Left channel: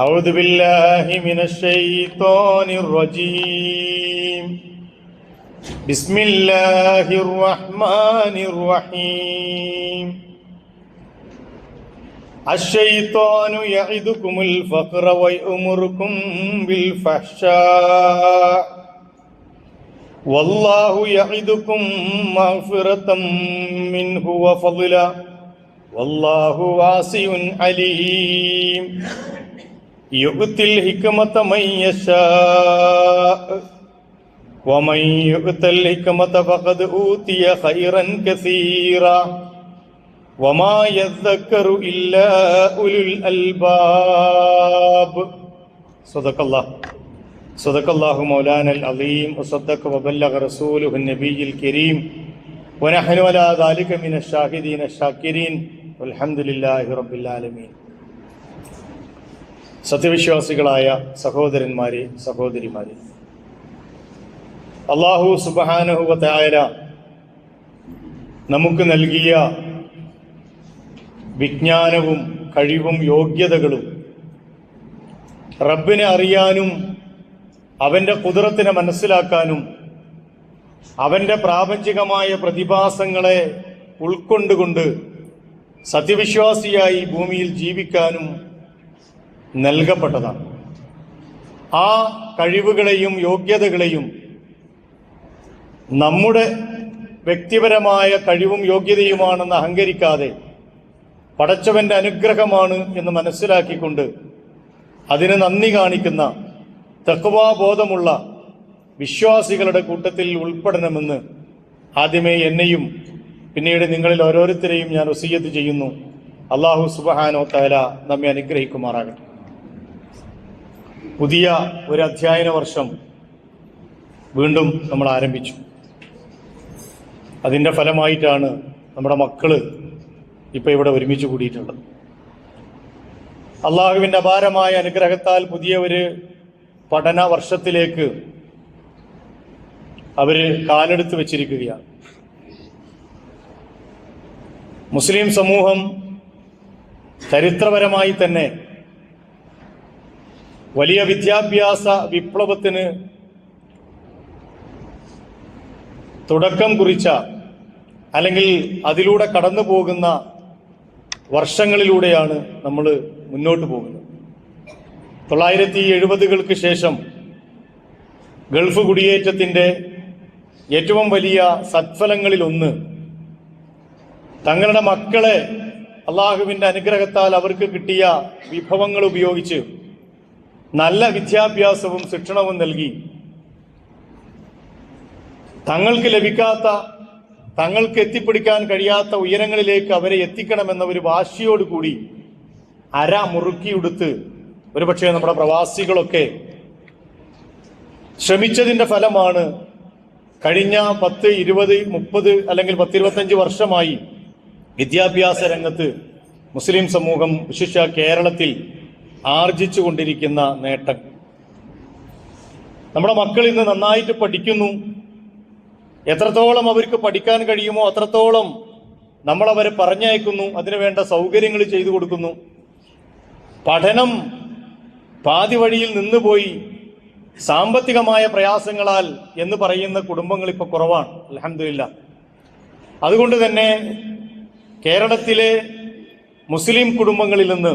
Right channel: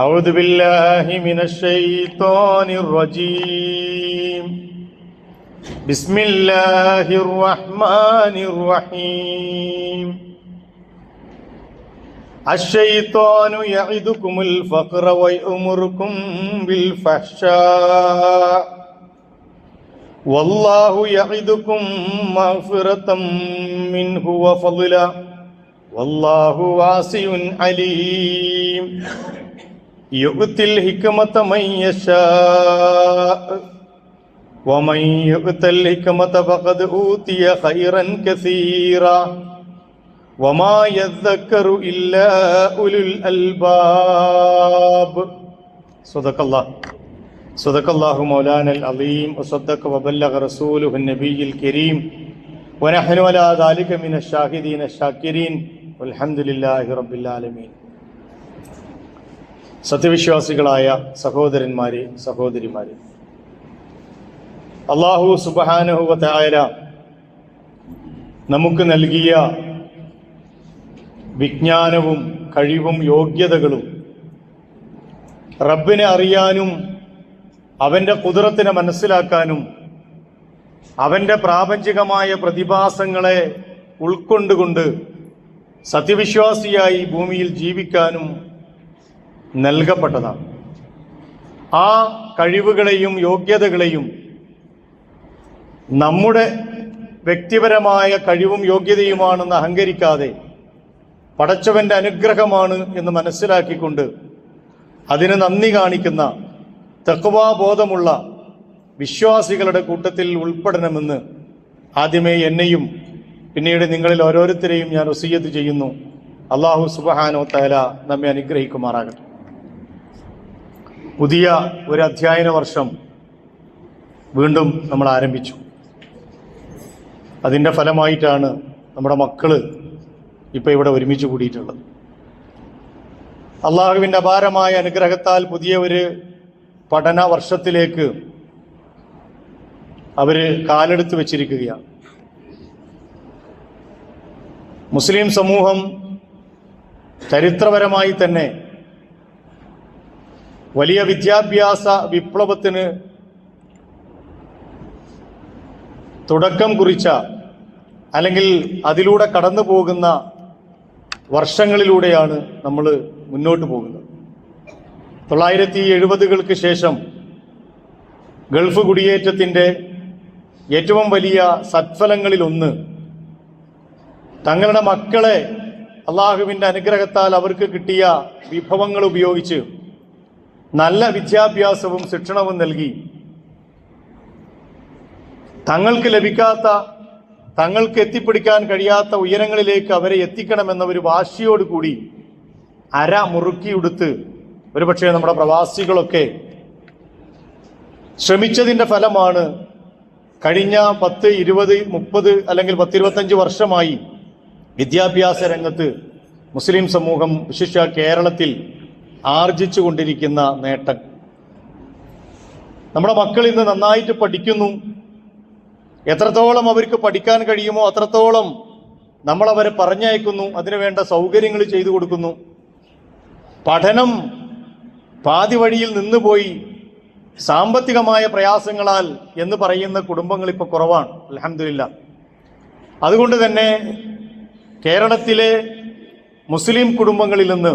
أعوذ بالله من الشيطان الرجيم بسم الله الرحمن الرحيم الشيطان يعدكم الفقر ويأمركم بالفحشاء والله يعدكم مغفرة منه وفضلا والله واسع عليم يؤتي الحكمة من يشاء ومن يؤت الحكمة فقد أوتي خيرا كثيرا وما يذكر إلا أولو الألباب صدق الله مولانا العظيم وصدق وبلغ رسوله النبي الكريم ونحن على ذلك من الشاهدين الشاكرين والحمد لله رب العالمين. സത്യവിശ്വാസികളായ സഹോദരന്മാരെ, സഹോദരിമാരെ, അല്ലാഹു സുബ്ഹാനഹു വ തആല നമുക്ക് നൽകിയ വിജ്ഞാനവും കഴിവും യോഗ്യതകളും റബ്ബിനെ അറിയാനും അവൻ്റെ ഖുദ്റത്തിനെ മനസ്സിലാക്കാനും അവൻ്റെ പ്രാപഞ്ചികമായ പ്രതിഭാസങ്ങളെ ഉൾക്കൊണ്ടുകൊണ്ട് സത്യവിശ്വാസിയായി ഭൂമിയിൽ ജീവിക്കാനും നൽകപ്പെട്ടതാണ്. ആ കഴിവുകളെയും യോഗ്യതകളെയും നമ്മുടെ വ്യക്തിപരമായ കഴിവും യോഗ്യതയുമാണെന്ന് അഹങ്കരിക്കാതെ പടച്ചവന്റെ അനുഗ്രഹമാണ് എന്ന് മനസ്സിലാക്കിക്കൊണ്ട് അതിന് നന്ദി കാണിക്കുന്ന തഖ്വാബോധമുള്ള വിശ്വാസികളുടെ കൂട്ടത്തിൽ ഉൾപ്പെടണമെന്ന് ആദ്യമേ എന്നെയും പിന്നീട് നിങ്ങളിൽ ഓരോരുത്തരെയും ഞാൻ വസിയ്യത്ത് ചെയ്യുന്നു. അല്ലാഹു സുബ്ഹാനഹു വ തആല നമ്മെ അനുഗ്രഹിക്കുമാറാകട്ടെ. പുതിയ ഒരു അധ്യയന വർഷം വീണ്ടും നമ്മൾ ആരംഭിച്ചു. അതിൻ്റെ ഫലമായിട്ടാണ് നമ്മുടെ മക്കള് ഇപ്പോൾ ഇവിടെ ഒരുമിച്ച് കൂടിയിട്ടുള്ളത്. അള്ളാഹുവിൻ്റെ അപാരമായ അനുഗ്രഹത്താൽ പുതിയ ഒരു പഠന വർഷത്തിലേക്ക് അവർ കാലെടുത്ത് വെച്ചിരിക്കുകയാണ്. മുസ്ലിം സമൂഹം ചരിത്രപരമായി തന്നെ വലിയ വിദ്യാഭ്യാസ വിപ്ലവത്തിന് തുടക്കം കുറിച്ച അല്ലെങ്കിൽ അതിലൂടെ കടന്നു പോകുന്ന വർഷങ്ങളിലൂടെയാണ് നമ്മൾ മുന്നോട്ട് പോകുന്നത്. 1970-കൾക്ക് ശേഷം ഗൾഫ് കുടിയേറ്റത്തിൻ്റെ ഏറ്റവും വലിയ സത്ഫലങ്ങളിലൊന്ന് തങ്ങളുടെ മക്കളെ അള്ളാഹുവിൻ്റെ അനുഗ്രഹത്താൽ അവർക്ക് കിട്ടിയ വിഭവങ്ങൾ ഉപയോഗിച്ച് നല്ല വിദ്യാഭ്യാസവും ശിക്ഷണവും നൽകി തങ്ങൾക്ക് ലഭിക്കാത്ത, തങ്ങൾക്ക് എത്തിപ്പിടിക്കാൻ കഴിയാത്ത ഉയരങ്ങളിലേക്ക് അവരെ എത്തിക്കണമെന്ന ഒരു വാശിയോടുകൂടി അര മുറുക്കിയെടുത്ത് ഒരുപക്ഷെ നമ്മുടെ പ്രവാസികളൊക്കെ ശ്രമിച്ചതിൻ്റെ ഫലമാണ് കഴിഞ്ഞ 10, 20, 30 അല്ലെങ്കിൽ 10-25 വർഷമായി വിദ്യാഭ്യാസ രംഗത്ത് മുസ്ലിം സമൂഹം വിശിഷ്യ കേരളത്തിൽ ആർജിച്ചു കൊണ്ടിരിക്കുന്ന നേട്ടം. നമ്മുടെ മക്കൾ ഇന്ന് നന്നായിട്ട് പഠിക്കുന്നു. എത്രത്തോളം അവർക്ക് പഠിക്കാൻ കഴിയുമോ അത്രത്തോളം നമ്മൾ അവരെ പറഞ്ഞയക്കുന്നു, അതിനുവേണ്ട സൗകര്യങ്ങൾ ചെയ്തു കൊടുക്കുന്നു. പഠനം പാതി വഴിയിൽ നിന്നുപോയി സാമ്പത്തികമായ പ്രയാസങ്ങളാൽ എന്ന് പറയുന്ന കുടുംബങ്ങൾ ഇപ്പോൾ കുറവാണ്, അൽഹംദുലില്ലാഹ്. അതുകൊണ്ട് തന്നെ കേരളത്തിലെ മുസ്ലിം കുടുംബങ്ങളിൽ നിന്ന്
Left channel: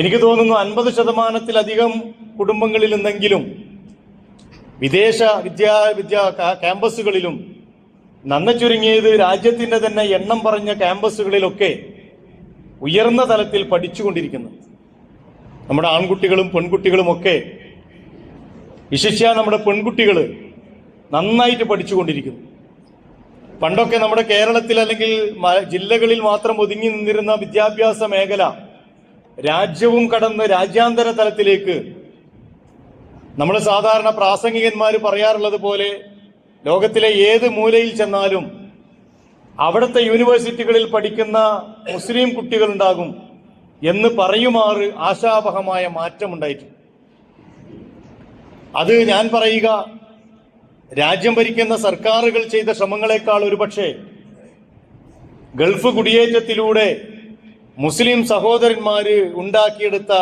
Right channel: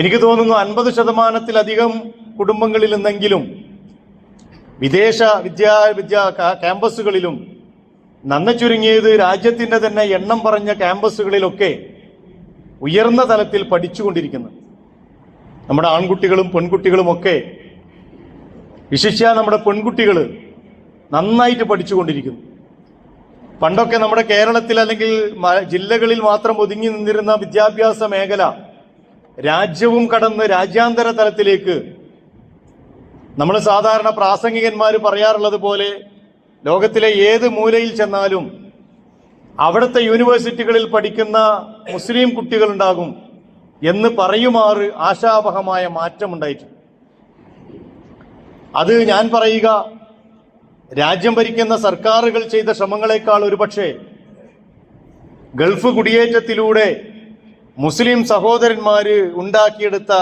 എനിക്ക് തോന്നുന്നു 50%-ലധികം കുടുംബങ്ങളിൽ നിന്നെങ്കിലും വിദേശ ക്യാമ്പസുകളിലും നന്നെ ചുരുങ്ങിയത് രാജ്യത്തിൻ്റെ തന്നെ എണ്ണം പറഞ്ഞ ക്യാമ്പസുകളിലൊക്കെ ഉയർന്ന തലത്തിൽ പഠിച്ചുകൊണ്ടിരിക്കുന്നു. നമ്മുടെ ആൺകുട്ടികളും പെൺകുട്ടികളുമൊക്കെ, വിശിഷ്യ നമ്മുടെ പെൺകുട്ടികൾ നന്നായിട്ട് പഠിച്ചുകൊണ്ടിരിക്കുന്നു. പണ്ടൊക്കെ നമ്മുടെ കേരളത്തിൽ അല്ലെങ്കിൽ ജില്ലകളിൽ മാത്രം ഒതുങ്ങി നിന്നിരുന്ന വിദ്യാഭ്യാസ മേഖല രാജ്യവും കടന്ന് രാജ്യാന്തര തലത്തിലേക്ക്, നമ്മൾ സാധാരണ പ്രാസംഗികന്മാർ പറയാറുള്ളത് പോലെ ലോകത്തിലെ ഏത് മൂലയിൽ ചെന്നാലും അവിടുത്തെ യൂണിവേഴ്സിറ്റികളിൽ പഠിക്കുന്ന മുസ്ലിം കുട്ടികളുണ്ടാകും എന്ന് പറയുമാറ് ആശാവഹമായ മാറ്റമുണ്ടായിട്ടുണ്ട്. അത് ഞാൻ പറയുക രാജ്യം ഭരിക്കുന്ന സർക്കാരുകൾ ചെയ്ത ശ്രമങ്ങളെക്കാൾ ഒരുപക്ഷെ ഗൾഫ് കുടിയേറ്റത്തിലൂടെ മുസ്ലിം സഹോദരന്മാര് ഉണ്ടാക്കിയെടുത്ത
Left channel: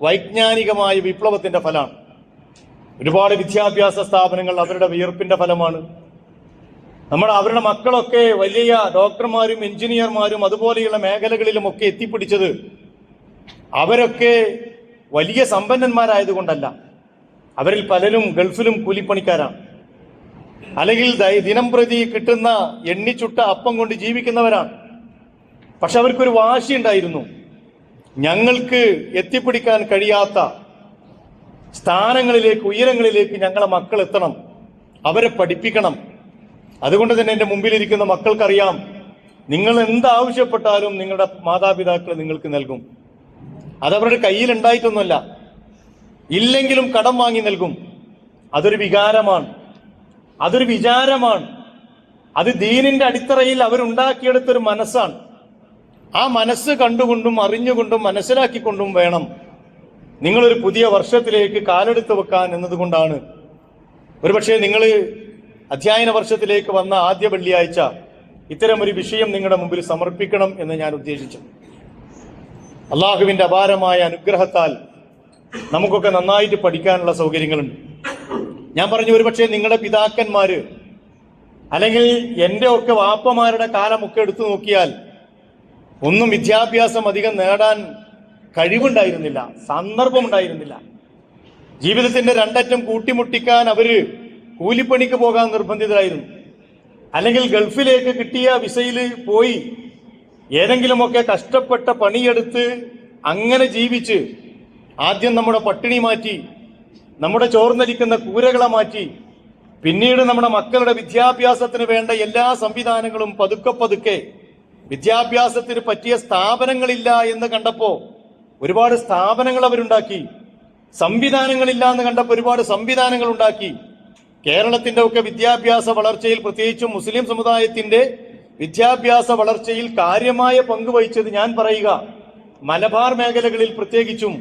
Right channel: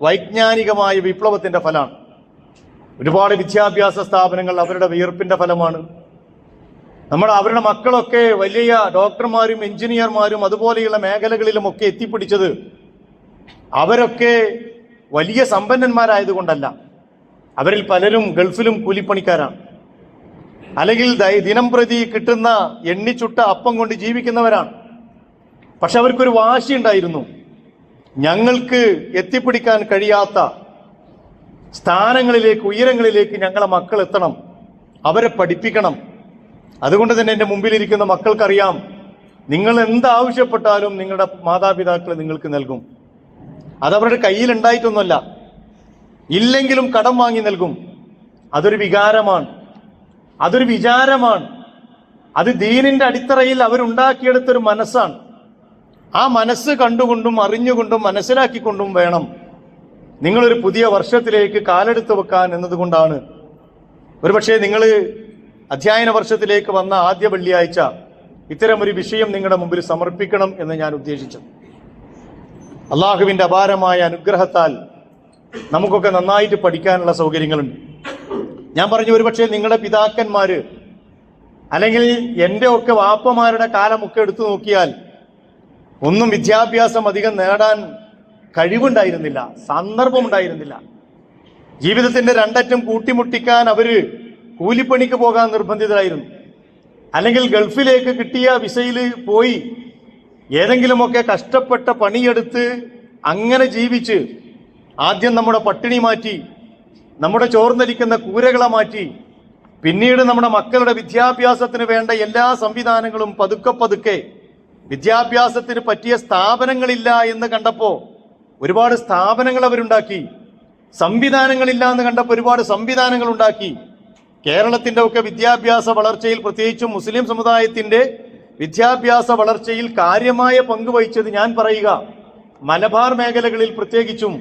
വൈജ്ഞാനികമായ വിപ്ലവത്തിന്റെ ഫലമാണ്. ഒരുപാട് വിദ്യാഭ്യാസ സ്ഥാപനങ്ങൾ അവരുടെ വിയർപ്പിന്റെ ഫലമാണ്. അവരുടെ മക്കളൊക്കെ വലിയ ഡോക്ടർമാരും എഞ്ചിനീയർമാരും അതുപോലെയുള്ള മേഖലകളിലുമൊക്കെ എത്തിപ്പിടിച്ചത് അവരൊക്കെ വലിയ സമ്പന്നന്മാരായതുകൊണ്ടല്ല. അവരിൽ പലരും ഗൾഫിലും കൂലിപ്പണിക്കാരാണ്, അല്ലെങ്കിൽ ദിനം പ്രതി കിട്ടുന്ന എണ്ണിച്ചുട്ട അപ്പം കൊണ്ട് ജീവിക്കുന്നവരാണ്. പക്ഷെ അവർക്കൊരു വാശിയുണ്ടായിരുന്നു, ഞങ്ങൾക്ക് എത്തിപ്പിടിക്കാൻ കഴിയാത്ത സ്ഥാനങ്ങളിലേക്ക്, ഉയരങ്ങളിലേക്ക് ഞങ്ങളെ മക്കൾ എത്തണം, അവരെ പഠിപ്പിക്കണം. അതുകൊണ്ട് തന്നെ എൻ്റെ മുമ്പിലിരിക്കുന്ന മക്കൾക്കറിയാം, നിങ്ങൾ എന്താവശ്യപ്പെട്ടാലും നിങ്ങളുടെ മാതാപിതാക്കൾ നിങ്ങൾക്ക് നൽകും. അതവരുടെ കയ്യിലുണ്ടായിട്ടൊന്നുമല്ല, ഇല്ലെങ്കിലും കടം വാങ്ങി നൽകും. അതൊരു വികാരമാണ്, അതൊരു വിചാരമാണ്. അത് ദീനിന്റെ അടിത്തറയിൽ അവരുണ്ടാക്കിയെടുത്തൊരു മനസ്സാണ്. ആ മനസ്സ് കണ്ടുകൊണ്ടും അറിഞ്ഞുകൊണ്ടും മനസ്സിലാക്കിക്കൊണ്ടും വേണം നിങ്ങളൊരു പുതിയ വർഷത്തിലേക്ക് കാലെടുത്ത് വെക്കാൻ എന്നതുകൊണ്ടാണ് ഒരുപക്ഷെ നിങ്ങൾ അധ്യയന വർഷത്തിലേക്ക് വന്ന ആദ്യ വെള്ളിയാഴ്ച ഇത്തരമൊരു വിഷയം നിങ്ങളുടെ മുമ്പിൽ സമർപ്പിക്കണം എന്ന് ഞാൻ ഉദ്ദേശിച്ചു. അള്ളാഹുവിന്റെ അപാരമായ അനുഗ്രഹത്താൽ നമുക്കൊക്കെ നന്നായിട്ട് പഠിക്കാനുള്ള സൗകര്യങ്ങളുണ്ട്. ഞാൻ പറഞ്ഞു, ഒരുപക്ഷെ നിങ്ങളുടെ പിതാക്കന്മാര് അല്ലെങ്കിൽ എൻ്റെ ഒക്കെ വാപ്പമാരുടെ കാലമൊക്കെ എടുത്തു നോക്കിയാൽ ഒന്നും വിദ്യാഭ്യാസം അധികം നേടാൻ കഴിവുണ്ടായിരുന്നില്ല, സന്ദർഭമുണ്ടായിരുന്നില്ല. ജീവിതത്തിന്റെ രണ്ടറ്റം കൂട്ടിമുട്ടിക്കാൻ അവര് കൂലിപ്പണിക്ക് പോകാൻ നിർബന്ധിതരായിരുന്നു, അല്ലെങ്കിൽ ഗൾഫിലേക്ക് കിട്ടിയ വിസയിൽ പോയി ഏതെങ്കിലുമൊക്കെ കഷ്ടപ്പെട്ട പണിയെടുത്ത് അങ്ങനെ ജീവിച്ച് ആദ്യം നമ്മുടെ പട്ടിണി മാറ്റി, നമ്മുടെ ചോർന്നരിക്കുന്ന കൂരകളെ മാറ്റി, പിന്നീട് നമ്മുടെ മക്കളുടെ വിദ്യാഭ്യാസത്തിന് വേണ്ട എല്ലാ സംവിധാനങ്ങളും പതുക്കെ പതുക്കെ, വിദ്യാഭ്യാസത്തിന് പറ്റിയ സ്ഥാപനങ്ങളില്ല എന്ന് കണ്ടപ്പോ ഒരുപാട് സ്ഥാപനങ്ങൾ അവരുണ്ടാക്കി, സംവിധാനങ്ങളില്ല എന്ന് കണ്ടപ്പോൾ ഒരുപാട് സംവിധാനങ്ങൾ ഉണ്ടാക്കി. കേരളത്തിന്റെ ഒക്കെ വിദ്യാഭ്യാസ വളർച്ചയിൽ, പ്രത്യേകിച്ചും മുസ്ലിം സമുദായത്തിന്റെ വിദ്യാഭ്യാസ വളർച്ചയിൽ കാര്യമായ പങ്ക് വഹിച്ചത് ഞാൻ പറയുക മലബാർ മേഖലകളിൽ പ്രത്യേകിച്ചും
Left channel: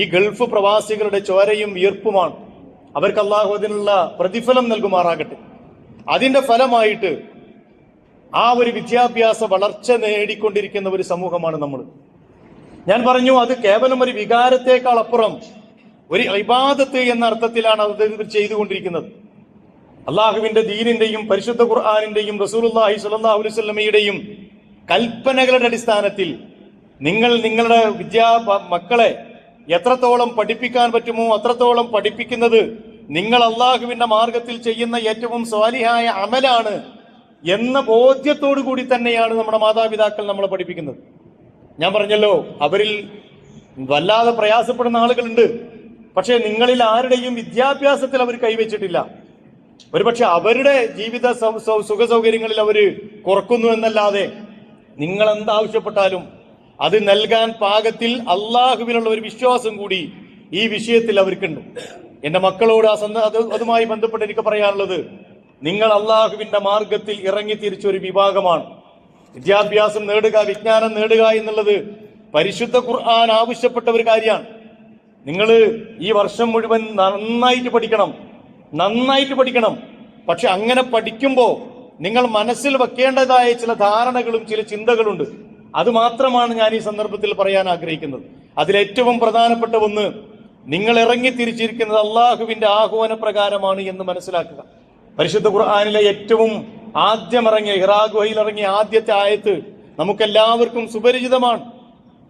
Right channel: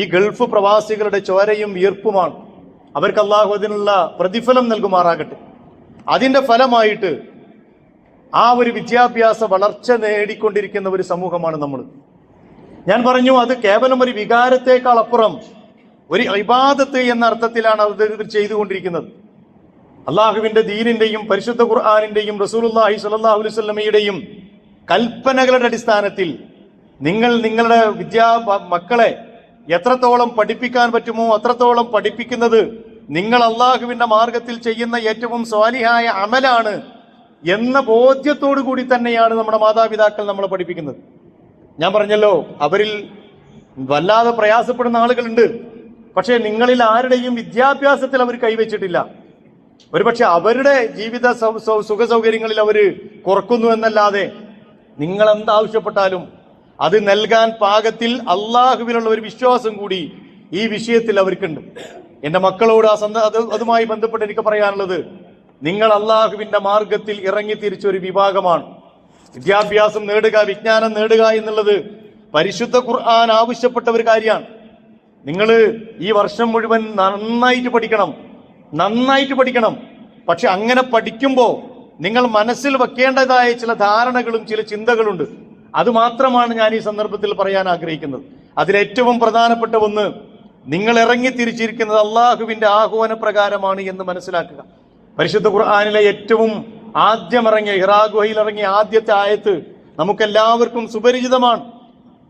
ഈ ഗൾഫ് പ്രവാസികളുടെ ചോരയും വിയർപ്പുമാണ്. അവർക്ക് അള്ളാഹു അതിനുള്ള പ്രതിഫലം നൽകുമാറാകട്ടെ. അതിന്റെ ഫലമായിട്ട് ആ ഒരു വിദ്യാഭ്യാസ വളർച്ച നേടിക്കൊണ്ടിരിക്കുന്ന ഒരു സമൂഹമാണ് നമ്മൾ. ഞാൻ പറഞ്ഞു, അത് കേവലം ഒരു വികാരത്തെക്കാൾ അപ്പുറം ഒരു ഇബാദത്ത് എന്ന അർത്ഥത്തിലാണ് അത് ചെയ്തുകൊണ്ടിരിക്കുന്നത്. അള്ളാഹുവിന്റെ ദീനിന്റെയും പരിശുദ്ധ ഖുർആനിന്റെയും റസൂലുള്ളാഹി സ്വല്ലല്ലാഹു അലൈഹി വസല്ലമയുടെയും കൽപ്പനകളുടെ അടിസ്ഥാനത്തിൽ നിങ്ങൾ നിങ്ങളുടെ മക്കളെ എത്രത്തോളം പഠിപ്പിക്കാൻ പറ്റുമോ അത്രത്തോളം പഠിപ്പിക്കുന്നത് നിങ്ങൾ അള്ളാഹുവിന്റെ മാർഗത്തിൽ ചെയ്യുന്ന ഏറ്റവും സ്വാലിഹായ അമലാണ് എന്ന ബോധ്യത്തോടു കൂടി തന്നെയാണ് നമ്മുടെ മാതാപിതാക്കൾ നമ്മളെ പഠിപ്പിക്കുന്നത്. ഞാൻ പറഞ്ഞല്ലോ, അവരിൽ വല്ലാതെ പ്രയാസപ്പെടുന്ന ആളുകളുണ്ട്. പക്ഷേ നിങ്ങളിൽ ആരുടെയും വിദ്യാഭ്യാസത്തിൽ അവർ കൈവച്ചിട്ടില്ല. ഒരുപക്ഷെ അവരുടെ ജീവിത സുഖ സൗകര്യങ്ങളിൽ അവർ കുറക്കുന്നു എന്നല്ലാതെ നിങ്ങൾ എന്താവശ്യപ്പെട്ടാലും അത് നൽകാൻ പാകത്തിൽ അള്ളാഹുവിനുള്ള ഒരു വിശ്വാസം കൂടി ഈ വിഷയത്തിൽ അവർക്കുണ്ട്. എന്റെ മക്കളോട് അതുമായി ബന്ധപ്പെട്ട് എനിക്ക് പറയാനുള്ളത്, നിങ്ങൾ അള്ളാഹുവിന്റെ മാർഗത്തിൽ ഇറങ്ങി തിരിച്ച ഒരു വിഭാഗമാണ്. വിദ്യാഭ്യാസം നേടുക, വിജ്ഞാനം നേടുക എന്നുള്ളത് പരിശുദ്ധ ഖുർആൻ ആവശ്യപ്പെട്ട ഒരു കാര്യമാണ്. നിങ്ങൾ ഈ വർഷം മുഴുവൻ നന്നായിട്ട് പഠിക്കണം. പക്ഷെ അങ്ങനെ പഠിക്കുമ്പോൾ നിങ്ങൾ മനസ്സിൽ വെക്കേണ്ടതായ ചില ധാരണകളും ചില ചിന്തകളുണ്ട്. അത് മാത്രമാണ് ഞാൻ ഈ സന്ദർഭത്തിൽ പറയാൻ ആഗ്രഹിക്കുന്നത്. അതിലേറ്റവും പ്രധാനപ്പെട്ട ഒന്ന്, നിങ്ങൾ ഇറങ്ങി തിരിച്ചിരിക്കുന്നത് അള്ളാഹുവിന്റെ ആഹ്വാന പ്രകാരമാണ് എന്ന് മനസ്സിലാക്കുക. പരിശുദ്ധ ഖുർആനിലെ ഏറ്റവും ആദ്യം ഇറങ്ങിയ ഹിറാ ഗുഹയിൽ ഇറങ്ങിയ ആദ്യത്തെ ആയത്ത് നമുക്കെല്ലാവർക്കും സുപരിചിതമാണ്.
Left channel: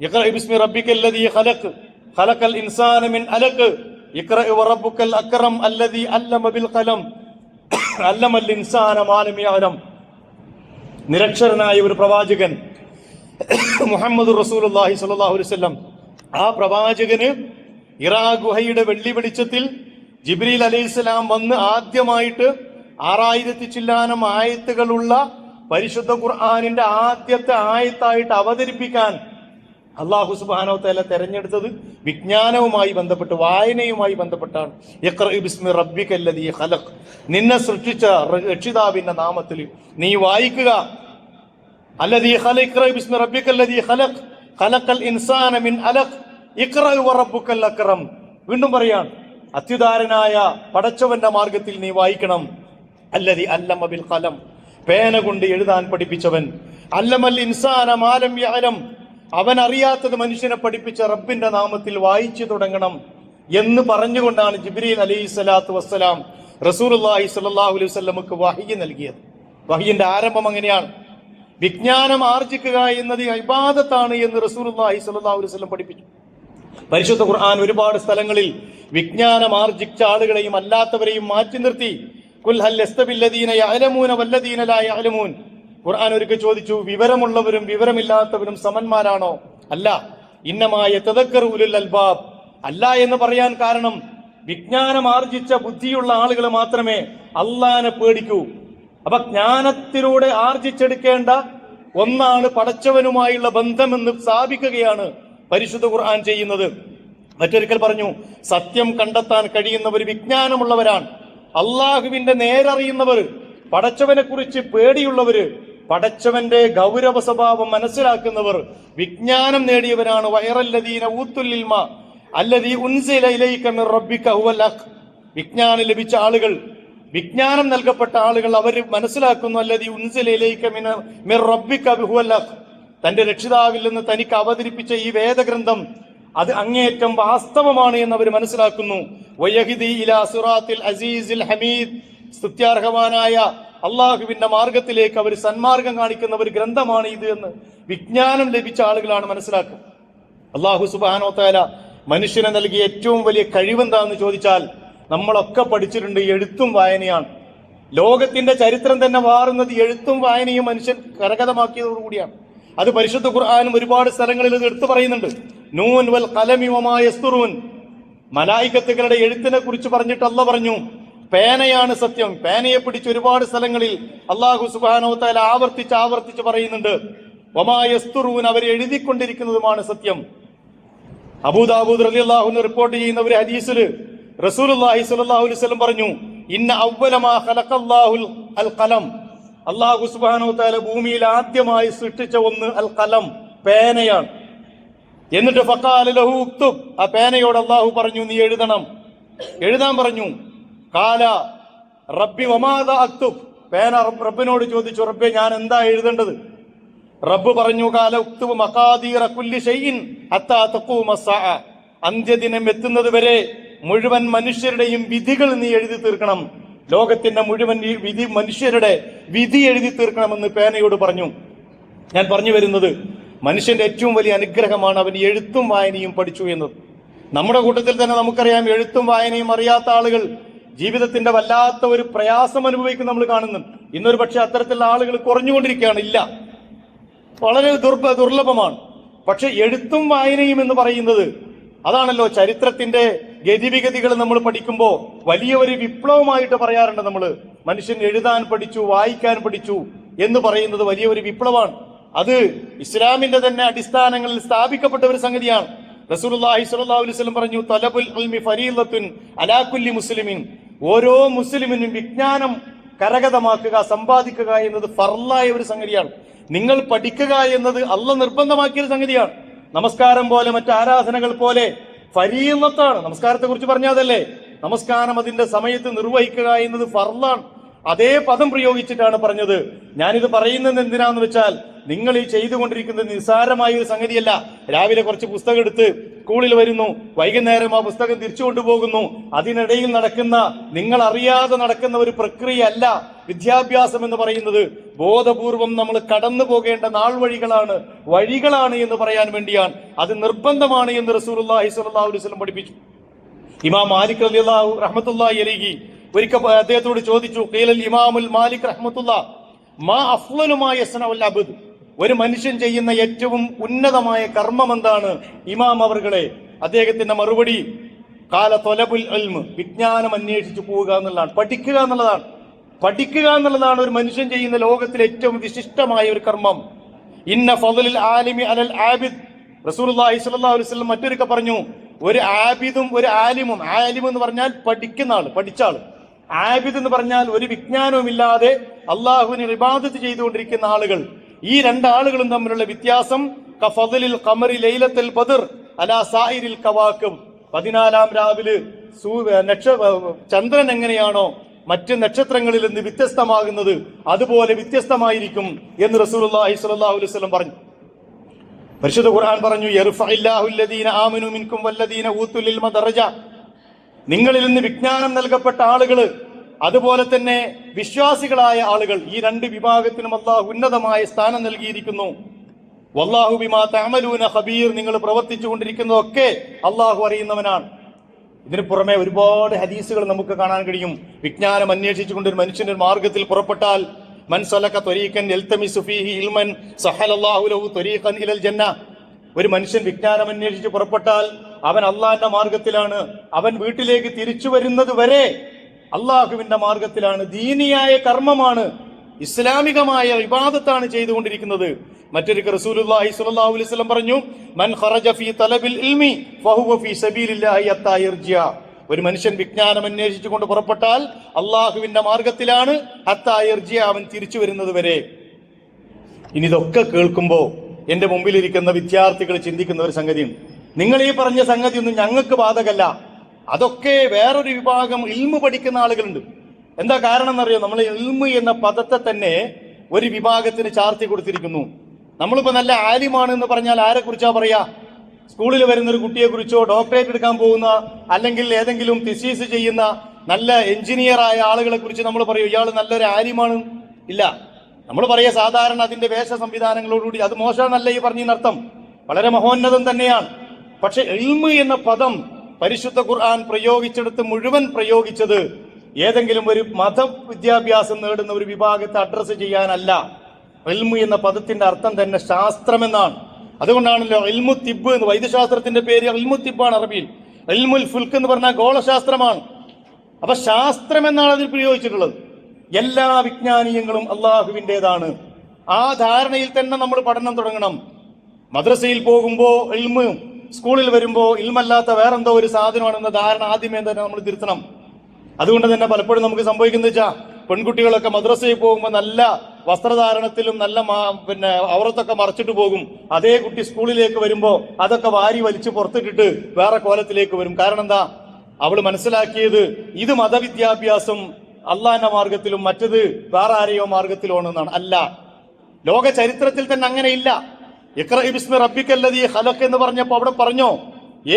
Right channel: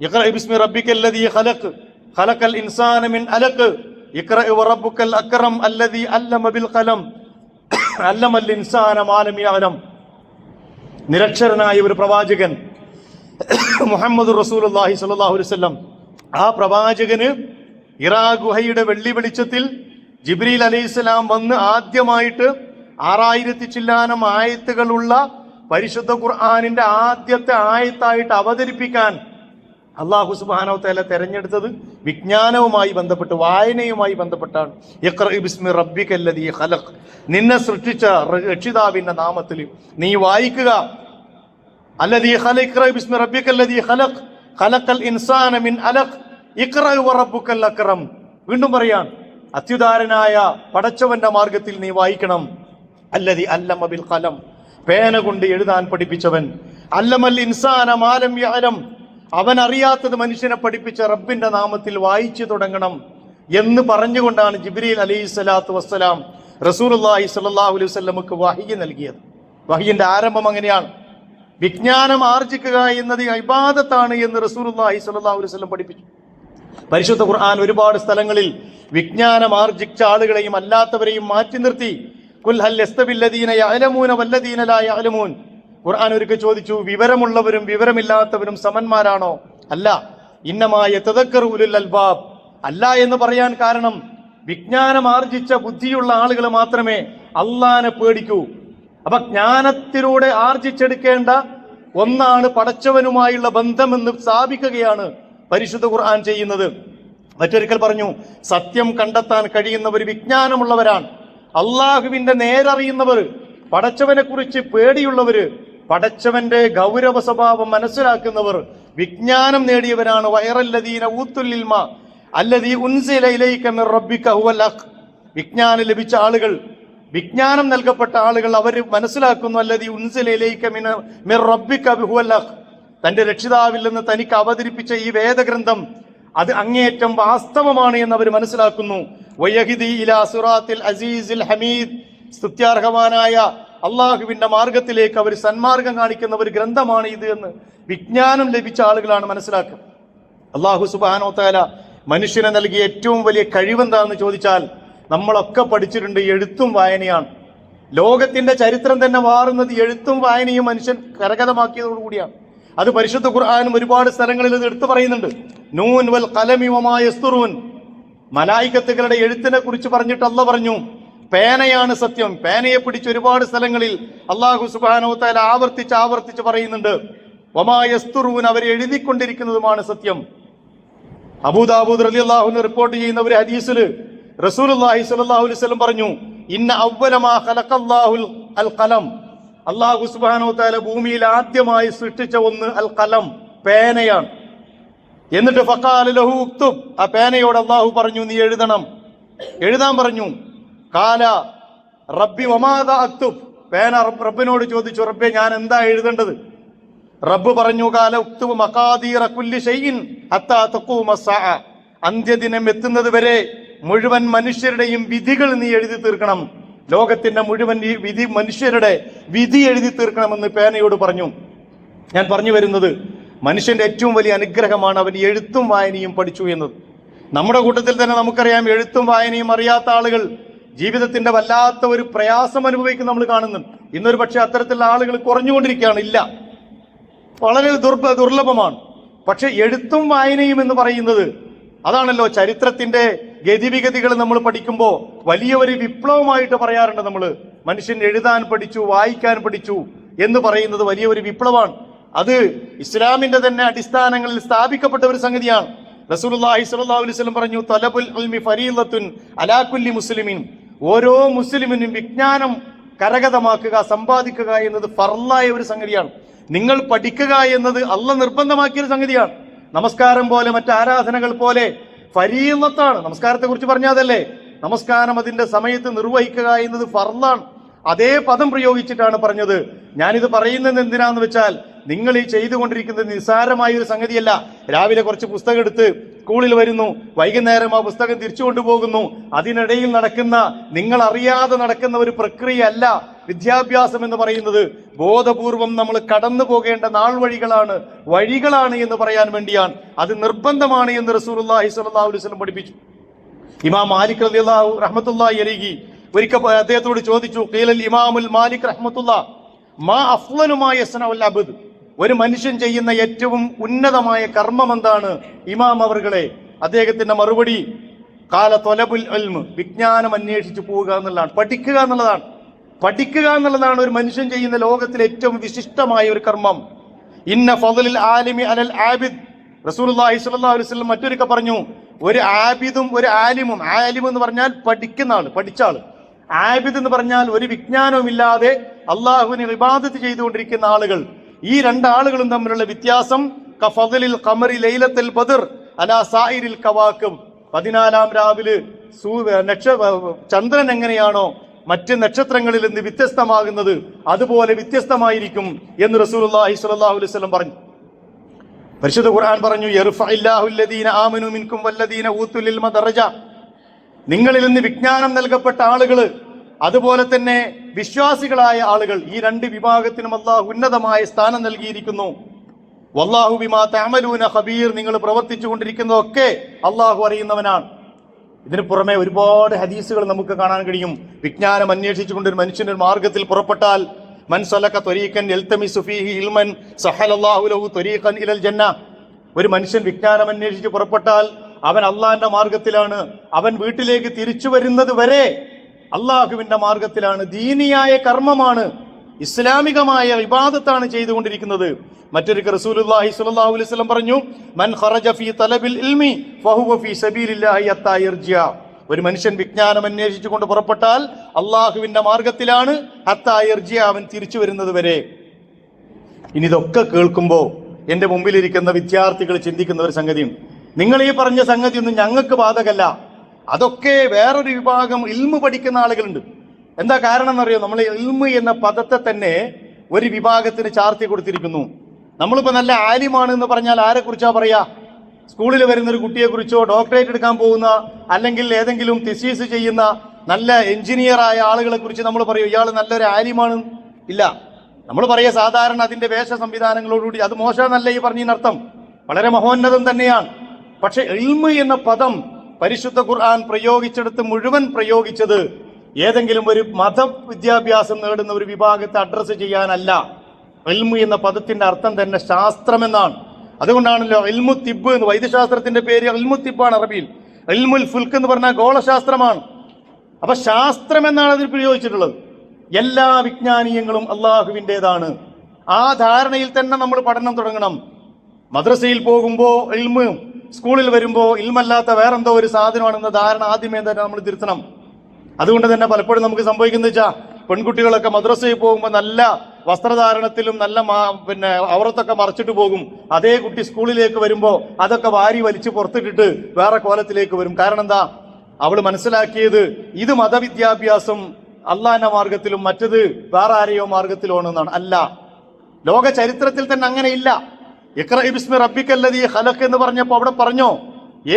ഇഖ്റഅ ബിസ്മി റബ്ബിക്കല്ലദീ ഖലഖ് ഖലഖൽ ഇൻസാന മിൻ അലഖ് ഇഖ്റഅ വറബ്ബുക്കൽ അക്റം അല്ലദീ അല്ലമ ബിൽ ഖലം അല്ലമൽ ഇൻസാന മാ ലം യഅലം. നിരക്ഷരനായ ഒരു പ്രവാചകൻ മുഹമ്മദ് റസൂലുള്ളാഹി സ്വല്ലല്ലാഹു അലൈഹി വസല്ലം, ആ പ്രവാചകന് ഹിറാ ഗുഹയുടെ വെള്ളി വെളിച്ചത്തിൽ ജിബ്രീൽ അലൈഹിസ്സലാം വന്ന് ആദ്യമായിട്ട് 6000 ചില്ലാനം ആയത്തുകളുള്ള പരിശുദ്ധ ഖുർആനിന്റെ ആദ്യത്തെ ആയത്തായിട്ട് അവതരിപ്പിക്കാൻ അല്ലാഹു സുബ്ഹാനഹു വ തആല തെരഞ്ഞെടുത്തത് വിജ്ഞാനവുമായി ബന്ധപ്പെട്ട്, വായനയുമായി ബന്ധപ്പെട്ടാണ്. ഇഖ്റഅ ബിസ്മി റബ്ബിക്കല്ലദീ ഖലഖ്, നിന്നെ സൃഷ്ടിച്ച രക്ഷിതാവിന്റെ നാമത്തിൽ നീ വായിക്കുക. അല്ലദീ ഖലഖ ഇഖ്റഅ ബിസ്മി റബ്ബിക്കല്ലദീ ഖലഖ് ഖലഖൽ ഇൻസാന മിൻ അലഖ് ഇഖ്റഅ വറബ്ബുക്കൽ അക്റം. വീണ്ടും പറയാൻ, അത്യുദാരനായ പടച്ചവന്റെ മാർഗത്തിൽ നീ വായിക്കണം. അല്ലദീ അല്ലമ ബിൽ ഖലം, പേന കൊണ്ട് എഴുതാൻ പഠിപ്പിച്ചവൻ. അല്ലമൽ ഇൻസാന മാ ലം യഅലം, അവൻ അറിയാത്തത് മനുഷ്യനെ പഠിപ്പിച്ച റബ്ബിന്റെ നാമത്തിൽ വായിച്ചു തുടങ്ങണം എന്ന് പറഞ്ഞുകൊണ്ടാണ് ജിബ്രീൽ അലൈഹി സ്വലാത്തു വസ്സലാം റസൂലുള്ളാഹി സ്വല്ലല്ലാഹു അലൈഹി വസല്ലമക്ക് വഹ്യ് നൽകിയത്. വഹ്യിന്റെ ആരംഭം അങ്ങനെയാണ്. വിജ്ഞാനം ആർജിക്കുക എന്നത് ഇബാദത്താണ് എന്ന് റസൂലുള്ളാഹി സ്വല്ലല്ലാഹു അലൈഹി വസല്ലം പഠിപ്പിച്ചു. പരിശുദ്ധ ഖുർആൻ ഒരുപാട് സ്ഥലങ്ങളിൽ വിജ്ഞാനം ആർജിച്ച ആളുകളെയും അല്ലാത്തവരെയും മാറ്റി നിർത്തി. ഖുൽ ഹൽ യസ്തവില്ലദീന യഅലമൂന വല്ലദീന ലാ യഅലമൂൻ. ഖുർആൻ ഒരിക്കൽ ചോദിച്ചു, വിവരമുള്ളവരും വിവരമില്ലാത്തവരും സമന്മാരാണോ? അല്ല. ഇന്നമാ യതദക്കറു ഉലുൽ അൽബാബ്. അല്ല എന്ന് പറയാൻ കാരണം വിജ്ഞാനം ആർജിച്ച ബുദ്ധിയുള്ള ആളുകൾ മാത്രമേ അള്ളാനെ പേടിക്കൂ. അപ്പൊ ജ്ഞാനത്തിലൂടെ ആർജിച്ചെടുക്കേണ്ട ഒന്നാണ് പടച്ചവനുമായുള്ള ബന്ധമെന്ന് സ്ഥാപിക്കുകയാണ് പരിശുദ്ധ ഖുർആൻ ചെയ്യുന്നത്. മറ്റൊരിക്കൽ പറഞ്ഞു, സത്യം കണ്ടെത്താൻ കഴിയുന്നവർ വിജ്ഞാനമുള്ളവരാണ്. അള്ളാഹുവിന്റെ നേരറിയുന്നവർ, പടച്ചവനെ കുറിച്ച് പേടിയുള്ളവര്, പടച്ചവന്റെ ഗൗരവ സ്വഭാവം മനസ്സിലാക്കുന്നവർ വിജ്ഞാനം നേടിയവരാണ്. വയറല്ലദീന ഊത്തുൽ ഇൽമ അല്ലദീ ഉൻസില ഇലൈക മിർ റബ്ബിക ഹുവൽ ഹഖ്. വിജ്ഞാനം ലഭിച്ച ആളുകൾ, വിജ്ഞാനം നൽകപ്പെട്ട ആളുകൾ അവർ മനസ്സിലാക്കുന്നു, അല്ലദീ ഉൻസില ഇലൈക മിർ റബ്ബിക ഹുവൽ ഹഖ്. തന്റെ രക്ഷിതാവിൽ നിന്ന് തനിക്ക് അവതരിപ്പിച്ച ഈ വേദഗ്രന്ഥം അത് അങ്ങേയറ്റം വാസ്തവമാണ് എന്ന് അവർ മനസ്സിലാക്കുന്നു. വയഹ്ദി ഇലാ സിറാത്തിൽ അസീസിൽ ഹമീദ്. സ്തുത്യാർഹവാനായ അള്ളാഹുവിന്റെ മാർഗത്തിലേക്ക് അവർ സന്മാർഗം കാണിക്കുന്ന ഒരു ഗ്രന്ഥമാണ് ഇത് എന്ന് വിജ്ഞാനം ലഭിച്ച ആളുകളാണ് മനസ്സിലാക്കുക. അള്ളാഹു സുബ്ഹാനഹു വ തആല മനുഷ്യനെ നൽകിയ ഏറ്റവും വലിയ കഴിവെന്താണെന്ന് ചോദിച്ചാൽ നമ്മളൊക്കെ പഠിച്ചിട്ടുണ്ട്, എഴുത്തും വായനയാണ്. ലോകത്തിന്റെ ചരിത്രം തന്നെ മാറുന്നത് എഴുത്തും വായനയും മനുഷ്യൻ കരഗതമാക്കിയതോടുകൂടിയാണ്. അത് പരിശുദ്ധ ഖുർആനും ഒരുപാട് സ്ഥലങ്ങളിൽ ഇത് എടുത്തു പറയുന്നുണ്ട്. നൂൻ വൽ ഖലമി വമാ യസ്തുറൂൻ. മലായികത്തുകളുടെ എഴുത്തിനെ കുറിച്ച് പറഞ്ഞിട്ട് അല്ലാഹ് പറഞ്ഞു, പേനയാണ് സത്യം. പേനയെ പിടിച്ച് ഒരുപാട് സ്ഥലങ്ങളിൽ അല്ലാഹു സുബ്ഹാനഹു വ തആല ആവർത്തിച്ച് പറയുന്നുണ്ട്. വമാ യസ്തുറൂൻ, അവർ എഴുതിക്കൊണ്ടിരിക്കുന്നതുമാണ് സത്യം. അബൂദാവൂദ് റളിയല്ലാഹു അൻഹു റിപ്പോർട്ട് ചെയ്യുന്ന ഒരു ഹദീസിൽ റസൂലുള്ളാഹി സ്വല്ലല്ലാഹു അലൈഹി വസല്ലം പറഞ്ഞു, ഇന്ന അവ്വല മാ ഖലഖല്ലാഹുൽ അൽ ഖലം. അല്ലാഹു സുബ്ഹാനഹു വ തആല ഭൂമിയിൽ ആദ്യമായി സൃഷ്ടിച്ച ഒന്ന് അൽ ഖലം, പേനയാണ്. എന്നിട്ട് ഫഖാല ലഹു ഉക്തുബ്, ആ പേനയോട് അല്ലാഹു പറഞ്ഞു, നീ എഴുതാൻ പറഞ്ഞു. ഖാല റബ്ബി വമാദാ അക്തുബ്. പേന റബ്ബിനോട് ചോദിച്ചു, റബ്ബേ ഞാൻ എന്താ എഴുതേണ്ടത്? റബ്ബ് പറഞ്ഞു, ഖാല ഉക്തുബ് മഖാദീറ കുല്ലി ഷൈഇൻ ഹത്താ തഖൂമ അസ്സാഅ. അന്ത്യദിനം എത്തുന്നത് വരെ മുഴുവൻ മനുഷ്യരുടെയും വിധികൾ നീ എഴുതി തീർക്കണം. ലോകത്തിന്റെ മുഴുവൻ വിധി, മനുഷ്യരുടെ വിധി എഴുതി തീർക്കണമെന്ന് പേനയോട് പറഞ്ഞു. ഞാൻ പറഞ്ഞു വരുന്നത്, മനുഷ്യന്റെ ഏറ്റവും വലിയ അനുഗ്രഹമാണ് അവൻ എഴുത്തും വായനയും പഠിച്ചു എന്നത്. നമ്മുടെ കൂട്ടത്തിൽ തന്നെ നമുക്കറിയാം, എഴുത്തും വായനയും അറിയാത്ത ആളുകൾ ജീവിതത്തിന്റെ വല്ലാത്ത ഒരു പ്രയാസം അനുഭവിക്കുന്ന നമ്മൾ കാണുന്നുണ്ട്. ഇന്നൊരു പക്ഷെ അത്തരത്തിലുള്ള ആളുകൾ കുറഞ്ഞുകൊണ്ടിരിക്കുകയാണ്. ഇല്ല, വളരെ ദുർലഭമാണ്. പക്ഷെ എഴുത്തും വായനയും എന്ന് പറയുന്നത് അതാണല്ലോ ചരിത്രത്തിന്റെ ഗതിവിഗതികൾ നമ്മൾ പഠിക്കുമ്പോൾ വലിയ ഒരു വിപ്ലവമായിട്ട് പറയാറുണ്ട്. നമ്മൾ മനുഷ്യൻ എഴുതാൻ പഠിച്ചു, വായിക്കാൻ പഠിച്ചു എന്ന് പറയുന്നത് വലിയ ഒരു വിപ്ലവമാണ്. അത് ഇസ്ലാമിന്റെ തന്നെ അടിസ്ഥാനങ്ങളിൽ സ്ഥാപിക്കപ്പെട്ട ഒരു സംഗതിയാണ്. റസൂലുള്ളാഹി സ്വല്ലല്ലാഹു അലൈഹി വസല്ലം പറഞ്ഞു, തലബുൽ ഇൽമി ഫരീളത്തുൻ അലാ കുല്ലി മുസ്ലിമിൻ. ഓരോ മുസ്ലിമിനും വിജ്ഞാനം കരഗതമാക്കുക, സമ്പാദിക്കുക എന്നത് ഫർളായ ഒരു സംഗതിയാണ്. നിങ്ങൾ പഠിക്കുക എന്നത് അള്ളാഹ് നിർബന്ധമാക്കിയ ഒരു സംഗതിയാണ്. നമസ്കാരം പോലെ മറ്റ് ആരാധനകൾ പോലെ ഫരീളത്താണ്. നമസ്കാരത്തെ കുറിച്ച് പറഞ്ഞതല്ലേ, നമസ്കാരം അതിന്റെ സമയത്ത് നിർവഹിക്കുക എന്നത് ഫർളാണ്. അതേ പദം പ്രയോഗിച്ചിട്ടാണ് പറഞ്ഞത്. ഞാനിത് പറയുന്നത് എന്തിനാന്ന് വെച്ചാൽ, നിങ്ങൾ ഈ ചെയ്തുകൊണ്ടിരിക്കുന്നത് നിസ്സാരമായ ഒരു സംഗതിയല്ല. രാവിലെ കുറച്ച് പുസ്തകം എടുത്ത് സ്കൂളിൽ വരുന്നു, വൈകുന്നേരം ആ പുസ്തകം തിരിച്ചു കൊണ്ടുപോകുന്നു. അതിനിടയിൽ നടക്കുന്ന, നിങ്ങൾ അറിയാതെ നടക്കുന്ന ഒരു പ്രക്രിയ അല്ല വിദ്യാഭ്യാസം എന്ന് പറയുന്നത്. ബോധപൂർവം നമ്മൾ കടന്നു പോകേണ്ട വഴികളാണ് എന്ന് പറയാൻ വേണ്ടിയാണ്. അത് നിർബന്ധമാണ് എന്ന് റസൂലുള്ളാഹി സ്വല്ലല്ലാഹു അലൈഹി വസല്ലം പഠിപ്പിച്ചു. ഇമാം മാലിക് റഹ്മത്തുള്ളാഹി അലൈഹി ഒരിക്കൽ അദ്ദേഹത്തോട് ചോദിച്ചു, ഖീലൽ ഇമാമുൽ മാലിക് റഹ്മത്തുള്ളാഹ് മാ അഫ്ളലു മാ യസ്നഉൽ അബ്ദ്. ഒരു മനുഷ്യൻ ചെയ്യുന്ന ഏറ്റവും ഉന്നതമായ കർമ്മം എന്താണ് ഇമാം അവർകളെ? അദ്ദേഹത്തിന്റെ മറുപടി, ഖാല ത്വലബുൽ ഇൽമ്, വിജ്ഞാനം അന്വേഷിച്ചു പോവുക എന്നുള്ളതാണ്, പഠിക്കുക എന്നുള്ളതാണ് ഒരു മനുഷ്യൻ ചെയ്യുന്ന ലോകത്തിലെ ഏറ്റവും വിശിഷ്ടമായ ഒരു കർമ്മം. ഇന്ന ഫളലിൽ ആലിമി അലൽ ആബിദ്. റസൂലുള്ളാഹി സ്വല്ലല്ലാഹു അലൈഹി വസല്ലം മറ്റൊരിക്കൽ പറഞ്ഞു, ഒരു ആബിദും ഒരു ആലിമും, ആലിം എന്ന് പറഞ്ഞാൽ പഠിക്കുന്ന ആള്, പഠിച്ച ആള്. ആബിദ് എന്ന് പറഞ്ഞാൽ ഒരു വിജ്ഞാനവും ഇല്ലാതെ അള്ളാഹുവിനെ ഇബാദത്ത് ചെയ്തുകൊണ്ടിരിക്കുന്ന ആളുകൾ. ഈ രണ്ടാളുകളും തമ്മിലുള്ള വ്യത്യാസം കഫളിൽ ഖമറി ലൈലത്തുൽ ബദർ അലാ സായിരിൽ കവാകിബ്. 14-ാം രാവിലെ ചന്ദ്രൻ എങ്ങനെയാണോ മറ്റ് നക്ഷത്രങ്ങളിൽ നിന്ന് വ്യത്യസ്തമാകുന്നത്, അതുപോലെ വ്യത്യസ്തമായിരിക്കും എന്ന് റസൂലുള്ളാഹി സ്വല്ലല്ലാഹു അലൈഹി വസല്ലം പറഞ്ഞു. പരിശുദ്ധ ഖുർആൻ പറഞ്ഞു, യർഫഇല്ലാഹു അല്ലദീന ആമനു മിൻകും വല്ലദീന ഊതുൽ ഇൽമ ദറജ. നിങ്ങളിൽ നിന്ന് വിജ്ഞാനം നൽകപ്പെട്ട ആളുകൾ, അതുപോലെ തന്നെ വിശ്വാസികളായ ആളുകൾ, ഈ രണ്ട് വിഭാഗത്തിനും അല്ലാഹു ഉന്നതമായ സ്ഥാനം നൽകിയിരിക്കുന്നു. വല്ലാഹു ബിമാ തഅമലൂന ഖബീർ. നിങ്ങൾ പ്രവർത്തിച്ചു കൊണ്ടിരിക്കുന്നതൊക്കെ അല്ലാഹു അറിയുന്നവനാണ്. ഇതിനു പുറമെ ഒരുപാട് ഹദീസുകൾ നമുക്ക് കാണാൻ കഴിയും. വിജ്ഞാനം അന്വേഷിച്ചുകൊണ്ട് ഒരു മനുഷ്യന്റെ മാർഗത്തിൽ പുറപ്പെട്ടാൽ, മൻ സലക ത്വരീഖൻ യൽതമിസു ഫീഹി ഇൽമൻ സഹലല്ലാഹു ലഹു ത്വരീഖൻ ഇലൽ ജന്ന. ഒരു മനുഷ്യൻ വിജ്ഞാനം അന്വേഷിച്ച് പുറപ്പെട്ടാൽ അവൻ അള്ളാഹിന്റെ മാർഗത്തിലാണ്. അവൻ വീട്ടിലേക്ക് തിരിച്ചു വരുന്നത് വരെ അള്ളാഹുവിന്റെ മാർഗത്തിലാണ്. ദീനിയായ കർമ്മമാണ്, ഇസ്ലാമികമായ ഇബാദത്താണ് ചെയ്തുകൊണ്ടിരിക്കുന്നത്. മറ്റൊരു റസൂലുള്ളാഹി സ്വല്ലല്ലാഹു അലൈഹി വസല്ലം പറഞ്ഞു, മൻ ഖറജ ഫീ തലബിൽ ഇൽമി ഫഹുവ ഫീ സബീലില്ലാഹി ഹത്താ യർജിഅ. ഒരു മനുഷ്യൻ വിജ്ഞാനം അന്വേഷിച്ചുകൊണ്ട് പുറപ്പെട്ടാൽ അള്ളാഹുവിന്റെ മാർഗത്തിലാണ്, ഹത്താ യർജിഅ, അവൻ തിരിച്ചു വരുന്നത് വരെ. ഇനി ഇതൊക്കെ കേൾക്കുമ്പോൾ എന്റെ മുമ്പിലിരിക്കുന്ന വിദ്യാർത്ഥികൾ ചിന്തിക്കുന്ന ഒരു സംഗതിയും, നിങ്ങൾ ഈ പറഞ്ഞ സംഗതിയൊന്നും ഞങ്ങൾക്ക് ബാധകല്ല. അതൊക്കെ വേറൊരു വിഭാഗം ഇൽമു പഠിക്കുന്ന ആളുകളുണ്ട്. എന്താ കാരണം എന്നറിയോ? നമ്മൾ ഇൽമു എന്ന പദത്തെ തന്നെ ഒരു വിഭാഗത്തിന് ചാർത്തി കൊടുത്തിരിക്കുന്നു. നമ്മളിപ്പോ നല്ല ആലിമാണ് എന്ന് പറഞ്ഞാൽ ആരെ കുറിച്ചാ പറയാ? സ്കൂളിൽ വരുന്ന ഒരു കുട്ടിയെ കുറിച്ചോ, ഡോക്ടറേറ്റ് എടുക്കാൻ പോകുന്ന, അല്ലെങ്കിൽ ഏതെങ്കിലും തിസീസ് ചെയ്യുന്ന നല്ല എഞ്ചിനീയറായ ആളുകളെ കുറിച്ച് നമ്മൾ പറയും ഇയാൾ നല്ലൊരു ആലിമാണ്? ഇല്ല. നമ്മൾ പറയാ സാധാരണ അതിന്റെ വേഷ സംവിധാനങ്ങളോടുകൂടി. അത് മോശമെന്നല്ല ഈ പറഞ്ഞതിനർത്ഥം, വളരെ മഹോന്നതം തന്നെയാണ്. പക്ഷെ ഇൽമു എന്ന പദം പരിശുദ്ധ ഖുർആൻ പ്രയോഗിച്ചെടുത്ത് മുഴുവൻ പ്രയോഗിച്ചത് ഏതെങ്കിലും ഒരു മതവിദ്യാഭ്യാസം നേടുന്ന ഒരു വിഭാഗത്തെ അഡ്രസ്സ് ചെയ്യാനല്ല. ഇൽമു എന്ന പദത്തിന്റെ അർത്ഥം തന്നെ ശാസ്ത്രമെന്നാണ്. അതുകൊണ്ടാണല്ലോ ഇൽമു തിബ് എന്ന്, വൈദ്യശാസ്ത്രത്തിന്റെ പേര് ഇൽമു തിബാണ് അറബിയിൽ. ഇൽമുൽ ഫുൽക്ക് എന്ന് പറഞ്ഞാൽ ഗോളശാസ്ത്രമാണ്. അപ്പൊ ശാസ്ത്രം എന്നാണ് അതിൽ പ്രയോഗിച്ചിട്ടുള്ളത്. എല്ലാ വിജ്ഞാനീയങ്ങളും അള്ളാഹുവിൻ്റെതാണ്. ആ ധാരണയിൽ തന്നെ നമ്മൾ പഠനം തുടങ്ങണം. മദ്രസയിൽ പോകുമ്പോൾ ഇൽമ്, സ്കൂളിൽ വരുമ്പോൾ ഇൽമല്ലാത്ത വേറെന്തോ ഒരു സാധനമാണെന്ന ധാരണ ആദ്യമേ തന്നെ നമ്മൾ തിരുത്തണം. അതുകൊണ്ട് തന്നെ പലപ്പോഴും നമുക്ക് സംഭവിക്കുന്നത് വെച്ചാൽ പെൺകുട്ടികളൊക്കെ മദ്രസയിൽ പോകുമ്പോൾ നല്ല വസ്ത്രധാരണത്തിലും നല്ല അവറത്തൊക്കെ മറച്ചിട്ട് പോകും. അതേ കുട്ടി സ്കൂളിലേക്ക് വരുമ്പോൾ അതൊക്കെ വാരി വലിച്ച് പുറത്തിട്ടിട്ട് വേറെ കോലത്തിലേക്ക് വരും. കാരണം എന്താ? അവള് മനസ്സിലാക്കിയത് ഇത് മതവിദ്യാഭ്യാസം അള്ളാന്റെ മാർഗത്തിലും മറ്റത് വേറെ ആരെയോ മാർഗത്തിലോ ആണെന്നാണ്. അല്ല, ലോക ചരിത്രത്തിൽ തന്നെ അങ്ങനെയില്ല. ഇഖ്റ ബിസ്മി റബ്ബിക്കല്ലദീ ഖലഖ് എന്ന് പറഞ്ഞപ്പോൾ അവിടെ പറഞ്ഞോ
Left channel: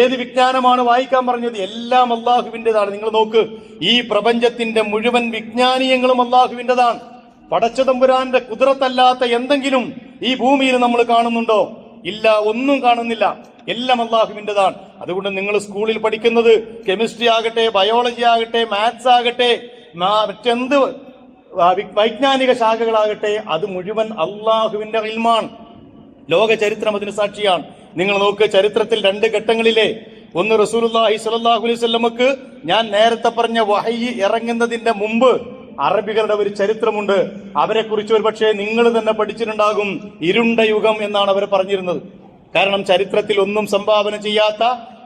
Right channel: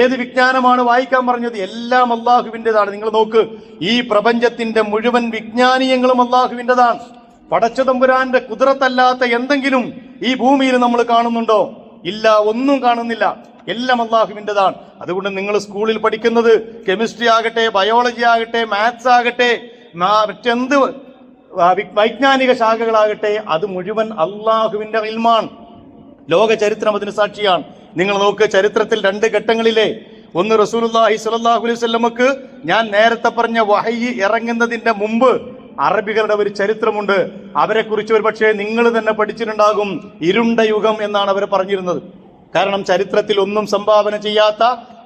ഏത് വിജ്ഞാനമാണ് വായിക്കാൻ പറഞ്ഞത്? എല്ലാം അള്ളാഹുവിൻ്റെതാണ്. നിങ്ങൾ നോക്ക്, ഈ പ്രപഞ്ചത്തിന്റെ മുഴുവൻ വിജ്ഞാനീയങ്ങളും അള്ളാഹുവിൻ്റെതാണ്. പടച്ചതമ്പുരാന്റെ കുദ്റത്തല്ലാത്ത എന്തെങ്കിലും ഈ ഭൂമിയിൽ നമ്മൾ കാണുന്നുണ്ടോ? ഇല്ല, ഒന്നും കാണുന്നില്ല. എല്ലാം അള്ളാഹുവിൻ്റെതാണ്. അതുകൊണ്ട് നിങ്ങൾ സ്കൂളിൽ പഠിക്കുന്നത് കെമിസ്ട്രി ആകട്ടെ, ബയോളജി ആകട്ടെ, മാത്സ് ആകട്ടെ, മറ്റെന്ത് വൈജ്ഞാനിക ശാഖകളാകട്ടെ, അത് മുഴുവൻ അള്ളാഹുവിന്റെ ഇൽമാണ്. ലോക ചരിത്രം അതിന് സാക്ഷിയാണ്. നിങ്ങൾ നോക്ക്, ചരിത്രത്തിൽ രണ്ട് ഘട്ടങ്ങളിലെ, ഒന്ന് റസൂലുള്ളാഹി സ്വല്ലല്ലാഹു അലൈഹി വസല്ലമക്ക് ഞാൻ നേരത്തെ പറഞ്ഞ വഹയി ഇറങ്ങുന്നതിന്റെ മുമ്പ് അറബികളുടെ ഒരു ചരിത്രമുണ്ട്. അവരെ കുറിച്ച് ഒരു പക്ഷേ നിങ്ങൾ തന്നെ പഠിച്ചിട്ടുണ്ടാകും. ഇരുണ്ട യുഗം എന്നാണ് അവർ പറഞ്ഞിരുന്നത്. കാരണം ചരിത്രത്തിൽ ഒന്നും സംഭാവന ചെയ്യാത്ത,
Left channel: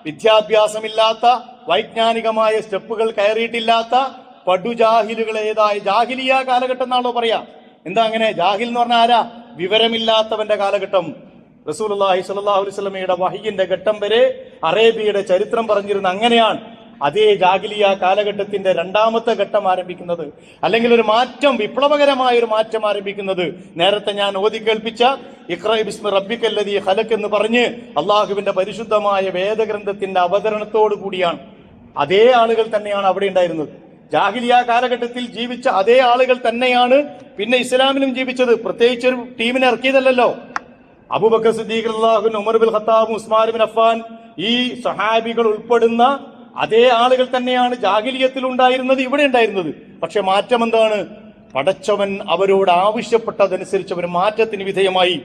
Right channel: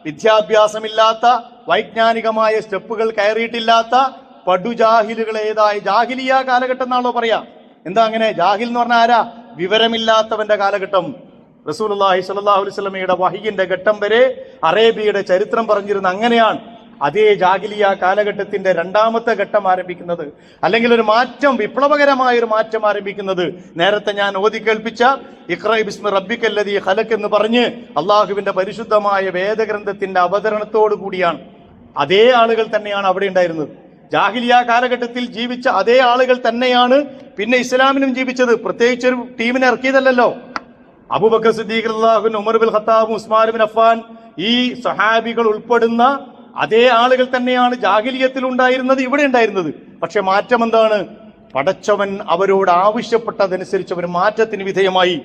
വിദ്യാഭ്യാസമില്ലാത്ത, വൈജ്ഞാനികമായ സ്റ്റെപ്പുകൾ കയറിയിട്ടില്ലാത്ത പടുജാഹിലുകളേതായി ജാഹിലിയ കാലഘട്ടം എന്നാണല്ലോ പറയാ. എന്താ അങ്ങനെ? ജാഹിൽ എന്ന് പറഞ്ഞാൽ ആരാ? വിവരമില്ലാത്തവന്റെ കാലഘട്ടം. റസൂലുള്ളാഹി സ്വല്ലല്ലാഹു അലൈഹി വസല്ലമയുടെ വഹിയിന്റെ ഘട്ടം വരെ അറേബ്യയുടെ ചരിത്രം പറഞ്ഞിരുന്ന അങ്ങനെയാണ്. അതേ ജാഹിലിയ കാലഘട്ടത്തിന്റെ രണ്ടാമത്തെ ഘട്ടം ആരംഭിക്കുന്നത്, അല്ലെങ്കിൽ ഒരു മാറ്റം, വിപ്ലവകരമായ ഒരു മാറ്റം ആരംഭിക്കുന്നത് നേരത്തെ ഞാൻ ഓതി കേൾപ്പിച്ച ഇഖ്റ ബിസ്മി റബ്ബിക്കല്ലദീ ഖലഖ് എന്ന് പറഞ്ഞ് അള്ളാഹുവിന്റെ പരിശുദ്ധമായ വേദഗ്രന്ഥത്തിന്റെ അവതരണത്തോടു കൂടിയാണ്. അതേ ആളുകൾ തന്നെയാണ് അവിടെ ഉണ്ടായിരുന്നത്. ജാഹിലിയ കാലഘട്ടത്തിൽ ജീവിച്ച അതേ ആളുകൾ തന്നെയാണ് പിന്നെ ഇസ്ലാമിലും ജീവിച്ചത്. പ്രത്യേകിച്ച് ഒരു ടീമിനെ ഇറക്കിയതല്ലോ. അബൂബക്കർ സിദ്ദീഖ് റളിയല്ലാഹു അൻഹു, Umar bin Khattab, Usman bin Affan, ഈ സഹാബികൾ ഉൾപ്പെടുന്ന അതേ ആളുകൾ തന്നെയാണ് ജാഹിലിയത്തിൽ ഉണ്ടായിരുന്നത്, ഇവിടെ ഉണ്ടായിരുന്നത്. പക്ഷെ മാറ്റം എന്താണ്? പടച്ചവൻ അവരോട് ആവശ്യപ്പെട്ടതനുസരിച്ച് അവർ മാറ്റത്തിന് വിധേയമായി.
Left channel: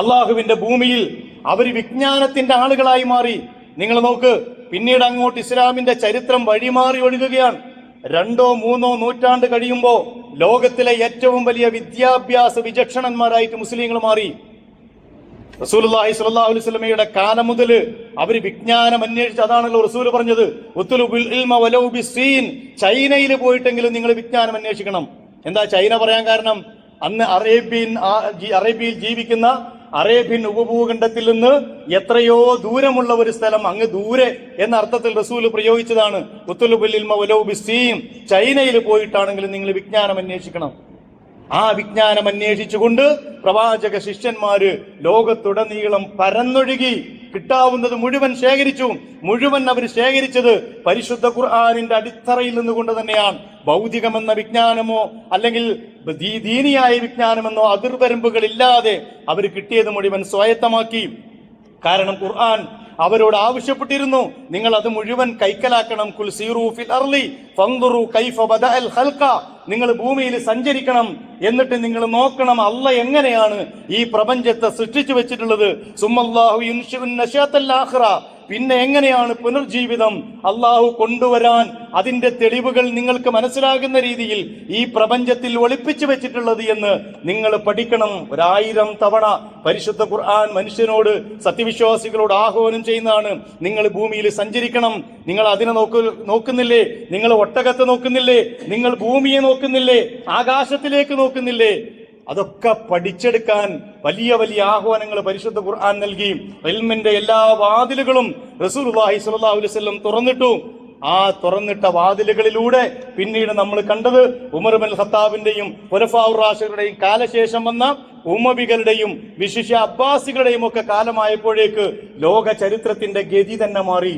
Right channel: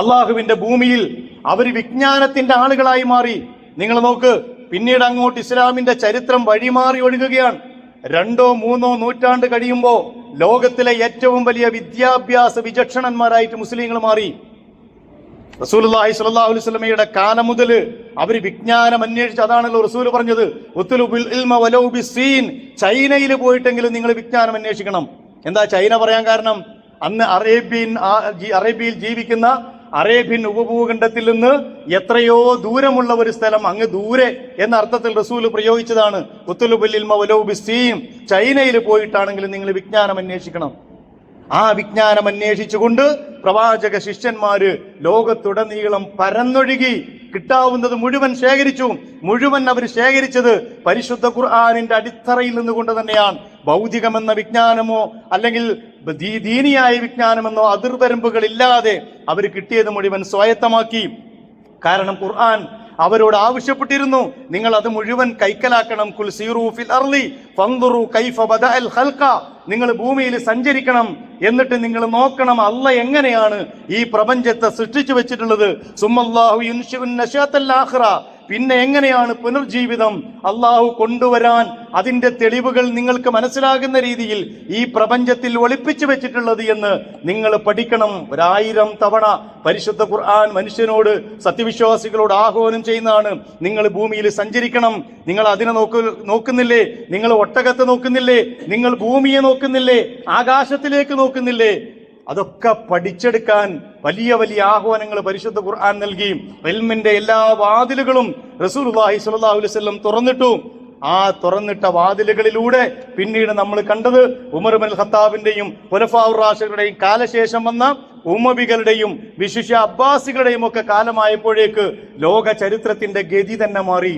അള്ളാഹുവിന്റെ ഭൂമിയിൽ അവർ വിജ്ഞാനത്തിന്റെ ആളുകളായി മാറി. നിങ്ങൾ നോക്ക്, പിന്നീട് അങ്ങോട്ട് ഇസ്ലാമിന്റെ ചരിത്രം വഴിമാറി ഒഴുകുകയാണ്. 2 or 3 നൂറ്റാണ്ട് കഴിയുമ്പോൾ ലോകത്തിലെ ഏറ്റവും വലിയ വിദ്യാഭ്യാസ വിചക്ഷണന്മാരായിട്ട് മുസ്ലിങ്ങൾ മാറി. റസൂലുള്ളാഹി സ്വല്ലല്ലാഹു അലൈഹി വസല്ലമയുടെ കാലം മുതൽ അവർ വിജ്ഞാനം അന്വേഷിച്ച്, അതാണല്ലോ റസൂൽ പറഞ്ഞത്, ഉത്ലുബിൽ ഇൽമ വലൗ ബിസ്സീൻ, ചൈനയിൽ പോയിട്ടെങ്കിലും നിങ്ങൾ വിജ്ഞാനം അന്വേഷിക്കണം. എന്താ ചൈന പറയാൻ കാരണം? അന്ന് അറേബ്യയിൽ ജീവിക്കുന്ന അറേബ്യൻ ഉപഭൂഖണ്ഡത്തിൽ നിന്ന് എത്രയോ ദൂരമുള്ള ഒരു സ്ഥലം, അങ്ങ് ദൂരെ എന്ന അർത്ഥത്തിൽ റസൂൽ പ്രയോഗിച്ചതാണ് ഉത്ലുബിൽ ഇൽമ വലൗ ബിസ്സീൻ. ചൈനയിൽ പോയിട്ടാണെങ്കിലും നിങ്ങൾ വിജ്ഞാനം അന്വേഷിക്കണം. ആ വിജ്ഞാനം അന്വേഷിച്ചുകൊണ്ട് പ്രവാചക ശിഷ്യന്മാര് ലോകത്തുടനീളം പരന്നൊഴുകി കിട്ടാവുന്നത് മുഴുവൻ ശേഖരിച്ചു. മുഴുവൻ അവർ ശേഖരിച്ചത് പരിശുദ്ധ ഖുർആനിന്റെ അടിത്തറയിൽ നിന്നുകൊണ്ട് തന്നെയാണ്. ഭൗതികമെന്ന വിജ്ഞാനമോ അല്ലെങ്കിൽ ദീനിയായ വിജ്ഞാനമെന്നോ അതിർവരമ്പുകളില്ലാതെ അവർ കിട്ടിയത് മുഴുവൻ സ്വായത്തമാക്കി. കാരണം ഖുർആൻ അവരോട് ആവശ്യപ്പെട്ടിരുന്നു, നിങ്ങൾ അത് മുഴുവൻ കൈക്കലാക്കണം. കുൽ സീറൂ ഫിൽ അർളി ഫൻദുറു കൈഫ ബദഅൽ ഖൽഖ, നിങ്ങൾ ഭൂമിയിൽ സഞ്ചരിക്കണം, എന്നിട്ട് നിങ്ങൾ നോക്കണം അല്ലാഹ് എങ്ങനെയാണ് ഈ പ്രപഞ്ചത്തെ സൃഷ്ടിച്ചു വെച്ചിട്ടുള്ളത്. സുമ്മല്ലാഹു യുൻശിഉൻ നശാത്തൽ ആഖിറ, പിന്നെ എങ്ങനെയാണ് പുനർജീവിതം അള്ളാഹു കൊണ്ടുവരാൻ അതിന്റെ തെളിവുകൾ നിങ്ങൾക്ക് മനസ്സിലാകുന്ന രീതിയിൽ ഈ പ്രപഞ്ചത്തിൽ ഒളിപ്പിച്ചു വെച്ചിട്ടുള്ളത് എന്ന് നിങ്ങൾ പഠിക്കണം. 1000 തവണ പരിശുദ്ധ ഖുർആൻ മനുഷ്യനോട്, സത്യവിശ്വാസികളോട് ആഹ്വാനം ചെയ്യുന്നതാണ്. നിങ്ങൾ ഭൂമിയിൽ സഞ്ചരിക്കണം. നിങ്ങൾ അതിനെ നോക്കുന്നില്ലേ? നിങ്ങൾ ഒട്ടകത്തെ നോക്കുന്നില്ലേ? നിങ്ങൾ ഭൂമിയെ നോക്കുന്നില്ലേ? ആകാശത്തിലേക്ക് നോക്കുന്നില്ലേ? അതൊക്കെ പഠിച്ചെടുക്കാൻ വലിയ വലിയ ആഹ്വാനങ്ങൾ പരിശുദ്ധ ഖുർആൻ നൽകി. ഇൽമിന്റെ എല്ലാ വാതിലുകളും റസൂലുള്ളാഹി സ്വല്ലല്ലാഹു അലൈഹി വസല്ലം തുറന്നിട്ടു. ആ തുറന്നിട്ട വാതിലുകളിലൂടെ പിന്നീട് നമ്മൾ കണ്ടത് ഉമർ ഇബ്നുൽ ഖത്താബിന്റെയും ഖുലഫാഉർ റാഷിദുകളുടെയും കാലശേഷം വന്ന ഉമ്മവികളുടെയും വിശിഷ്യ അബ്ബാസികളുടെയും ഒക്കെ കാലമായപ്പോഴേക്ക് ലോക ചരിത്രത്തിന്റെ ഗതി തന്നെ മാറി.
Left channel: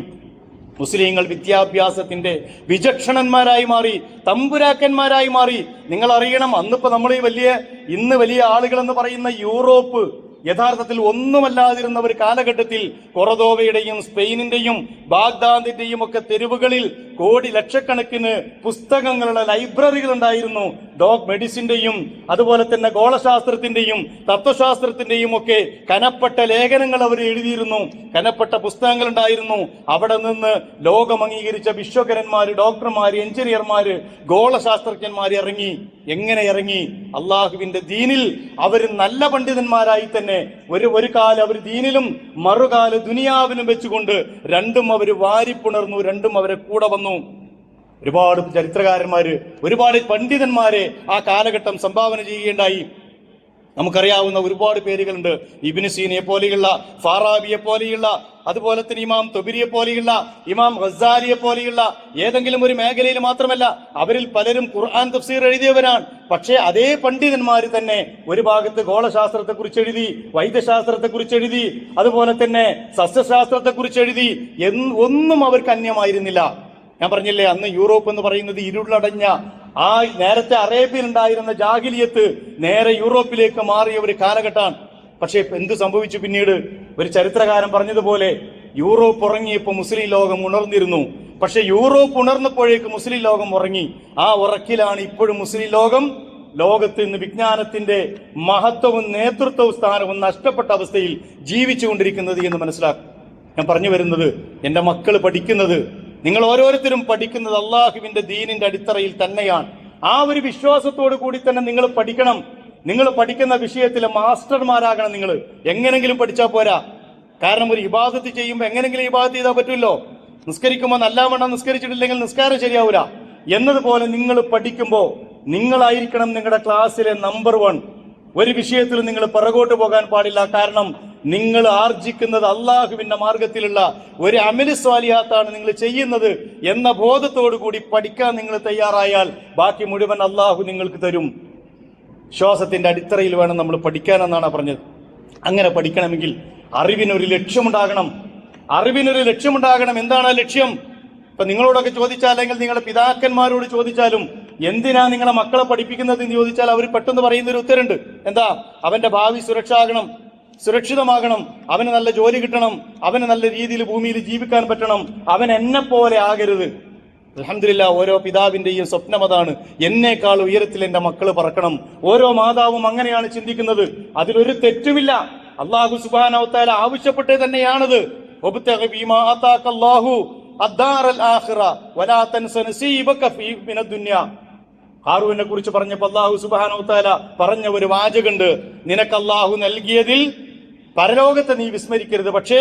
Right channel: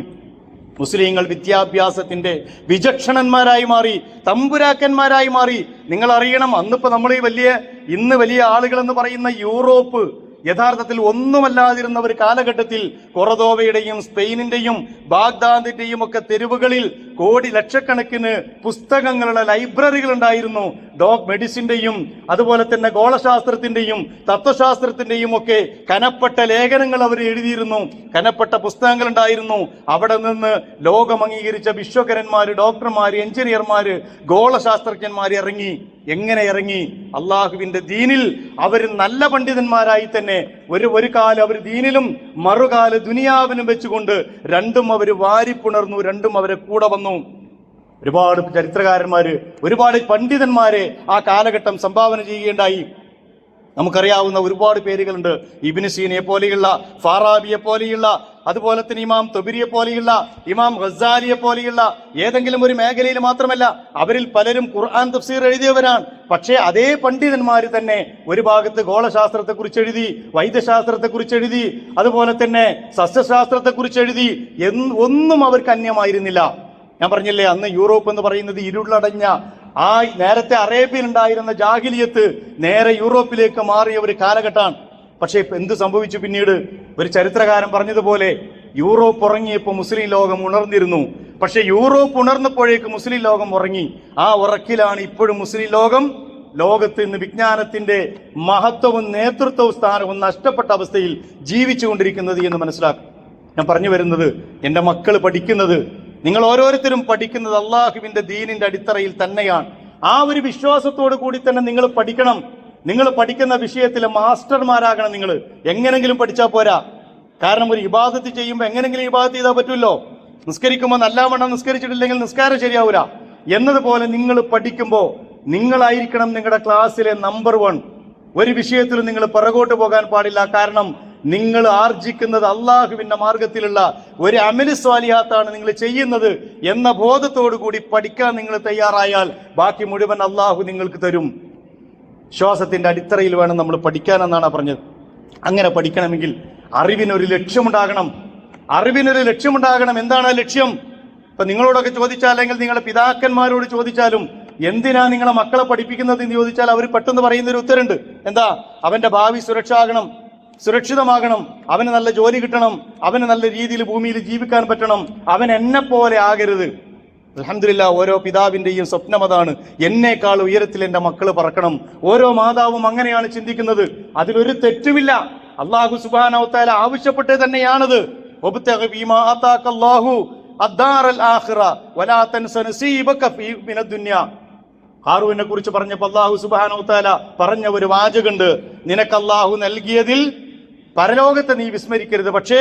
മുസ്ലിങ്ങൾ വിദ്യാഭ്യാസത്തിന്റെ വിചക്ഷണന്മാരായി മാറി, തമ്പുരാക്കന്മാരായി മാറി. നിങ്ങൾ അറിയണം, അന്നിപ്പോ നമ്മൾ ഇന്ന് വലിയ ആളുകൾ എന്ന് പറയുന്ന യൂറോപ്പ് യഥാർത്ഥത്തിൽ ഒന്നുമല്ലാതിരുന്ന ഒരു കാലഘട്ടത്തിൽ കൊറദോവയുടെയും സ്പെയിനിന്റെയും ബാഗ്ദാദിന്റെയും ഒക്കെ തെരുവുകളിൽ ലക്ഷക്കണക്കിന് പുസ്തകങ്ങളുടെ ലൈബ്രറികൾ ഉണ്ടായിരുന്നു. മെഡിസിന്റെയും അതുപോലെ തന്നെ ഗോളശാസ്ത്രത്തിന്റെയും തത്വശാസ്ത്രത്തിന്റെയും ഒക്കെ കനപ്പെട്ട ലേഖനങ്ങൾ അവർ എഴുതിയിരുന്നു, കനപ്പെട്ട പുസ്തകങ്ങൾ ഉണ്ടായിരുന്നു. അവിടെ നിന്ന് ലോകം അംഗീകരിച്ച വിശ്വകരന്മാര്, ഡോക്ടർമാര്, എഞ്ചിനീയർമാര്, ഗോളശാസ്ത്രജ്ഞന്മാര് ഇറങ്ങി. എങ്ങനെ ഇറങ്ങി? അള്ളാഹുവിന്റെ ദീനിൽ അവർ നല്ല പണ്ഡിതന്മാരായി തന്നെ ഒരു കാലം അവർ ദീനിലും മറുകാല് ദുനിയാവിനും വെച്ചുകൊണ്ട് രണ്ടും അവർ വാരിപ്പുണർന്നു, രണ്ടും അവരെ കൂടെ വന്നു. ഒരുപാട് ചരിത്രകാരന്മാര്, ഒരുപാട് പണ്ഡിതന്മാരെ ആ കാലഘട്ടം സംഭാവന ചെയ്യുകയുണ്ടായി. നമുക്കറിയാവുന്ന ഒരുപാട് പേരുകളുണ്ട്. ഇബ്നു സീനയെ പോലെയുള്ള, ഫാറാബിയെ പോലെയുള്ള, അതുപോലെ തന്നെ ഇമാം തൊബരിയെ പോലെയുള്ള, ഇമാം ഗസാലിയെ പോലെയുള്ള ഏതെങ്കിലും ഒരു മേഖലയിൽ മാത്രമല്ല, അവരിൽ പലരും ഖുർആൻ തഫ്സീർ എഴുതിയവരാണ്. പക്ഷേ അതേ പണ്ഡിതന്മാർ തന്നെ ഒരു ഭാഗത്ത് ഗോളശാസ്ത്രത്തെ കുറിച്ച് എഴുതി, വൈദ്യശാസ്ത്രത്തെ കുറിച്ച് എഴുതി, അതുപോലെ തന്നെ സസ്യശാസ്ത്രത്തെ കുറിച്ച് എഴുതി. ഒന്നും അവർക്ക് അന്യമായിരുന്നില്ല. ഞാൻ പറഞ്ഞില്ലേ, അന്ന് യൂറോപ്പ് എന്ന് പറയുന്നത് ഇരുളടഞ്ഞ ആ നേരത്തെ അറേബ്യയിൽ ഉണ്ടായിരുന്ന ജാഹിലിയത്ത് നേരെ യൂറോപ്പിലേക്ക് മാറിയ ഒരു കാലഘട്ടമാണ്. പക്ഷേ എന്ത് സംഭവിച്ചു പിന്നീട്? ഒരു ചരിത്രകാരൻ പറഞ്ഞതുപോലെ യൂറോപ്പ് ഉറങ്ങിയപ്പോൾ മുസ്ലിം ലോകം ഉണർന്നിരുന്നു. പക്ഷെ യൂറോപ്പ് ഉണർന്നപ്പോഴേക്ക് മുസ്ലിം ലോകം ഉറങ്ങി. ആ ഉറക്കിലാണ് ഇപ്പോഴും മുസ്ലിം ലോകത്ത് ഇന്ന് വിജ്ഞാനത്തിന്റെ മഹത്വവും നേതൃത്വവും സ്ഥാനവും നഷ്ടപ്പെട്ട അവസ്ഥയിൽ ജീവിച്ചുകൊണ്ടിരിക്കുന്നത് എന്ന് മനസ്സിലാക്കും. ഞാൻ പറഞ്ഞു വരുന്നത്, എന്റെ മക്കൾ പഠിക്കുന്നത്, നിങ്ങൾ ഓരോരുത്തരും പഠിക്കുന്നത് അള്ളാഹുവിന്റെ ദീനിന്റെ അടിത്തറയിൽ തന്നെയാണ്. ആ ഒരു വിശ്വാസത്തോടു കൂടി തന്നെ നിങ്ങൾ പഠിക്കണം. നിങ്ങൾ പഠിക്കുന്ന വിഷയത്തിലെ മാസ്റ്റർമാരാകണം. നിങ്ങൾ എങ്ങനെങ്കിലും പഠിച്ചാൽ പോരാ. കാരണം ഒരു ഇബാദത്ത് ചെയ്യുമ്പോൾ എങ്ങനെങ്കിലും ഇബാദത്ത് ചെയ്താൽ പറ്റുമല്ലോ. നിസ്കരിക്കുമ്പോൾ നല്ലവണ്ണം നിസ്കരിച്ചിട്ടില്ലെങ്കിൽ നിസ്കാരം ശരിയാവൂല എന്നതുപോലെ നിങ്ങൾ പഠിക്കുമ്പോൾ നിങ്ങളായിരിക്കണം നിങ്ങളുടെ ക്ലാസ്സിലെ നമ്പർ 1. ഒരു വിഷയത്തിലും നിങ്ങൾ പിറകോട്ട് പോകാൻ പാടില്ല. കാരണം നിങ്ങൾ ആർജിക്കുന്നത് അള്ളാഹുവിന്റെ മാർഗത്തിലുള്ള ഒരു അമലി സ്വാലിഹാത്താണ് നിങ്ങൾ ചെയ്യുന്നത് എന്ന ബോധത്തോടു കൂടി പഠിക്കാൻ നിങ്ങൾ തയ്യാറായാൽ ബാക്കി മുഴുവൻ അള്ളാഹു നിങ്ങൾക്ക് തരും. വിശ്വാസത്തിന്റെ അടിത്തറയിൽ വേണം നമ്മൾ പഠിക്കാനെന്നാണ് പറഞ്ഞത്. അങ്ങനെ പഠിക്കണമെങ്കിൽ അറിവിനൊരു ലക്ഷ്യമുണ്ടാകണം. എന്താണ് ആ ലക്ഷ്യം? ഇപ്പൊ നിങ്ങളോടൊക്കെ ചോദിച്ചാൽ, അല്ലെങ്കിൽ നിങ്ങളുടെ പിതാക്കന്മാരോട് ചോദിച്ചാലും എന്തിനാ നിങ്ങളെ മക്കളെ പഠിപ്പിക്കുന്നത് എന്ന് ചോദിച്ചാൽ അവർ പെട്ടെന്ന് പറയുന്നൊരു ഉത്തരമുണ്ട്. എന്താ? അവന്റെ ഭാവി സുരക്ഷിതമാകണം, അവന് നല്ല ജോലി കിട്ടണം, അവന് നല്ല രീതിയിൽ ഭൂമിയിൽ ജീവിക്കാൻ പറ്റണം, അവൻ എന്നെ പോലെ ആകരുത്. അൽഹംദുലില്ലാഹ്, ഓരോ പിതാവിന്റെയും സ്വപ്നം അതാണ്. എന്നേക്കാൾ ഉയരത്തിൽ എന്റെ മക്കൾ പറക്കണം. ഓരോ മാതാവും അങ്ങനെയാണ് ചിന്തിക്കുന്നത്. അതിലൊരു തെറ്റുമില്ല. അല്ലാഹു സുബ്ഹാനഹു വ തആല ആവശ്യപ്പെട്ടത് തന്നെയാണത്. വബ്തഗി ഫീമാ ആതാകല്ലാഹു അദ്ദാറൽ ആഖിറ വലാ തൻസ നസീബക മിനദ് ദുനിയ. ഹാറൂനെ കുറിച്ച് പറഞ്ഞപ്പോൾ അല്ലാഹു സുബ്ഹാനഹു വ തആല പറഞ്ഞ ഒരു വാചകമുണ്ട്, നിനക്ക് അല്ലാഹു നൽകിയതിൽ പരലോകത്തെ നീ വിസ്മരിക്കരുത്, പക്ഷേ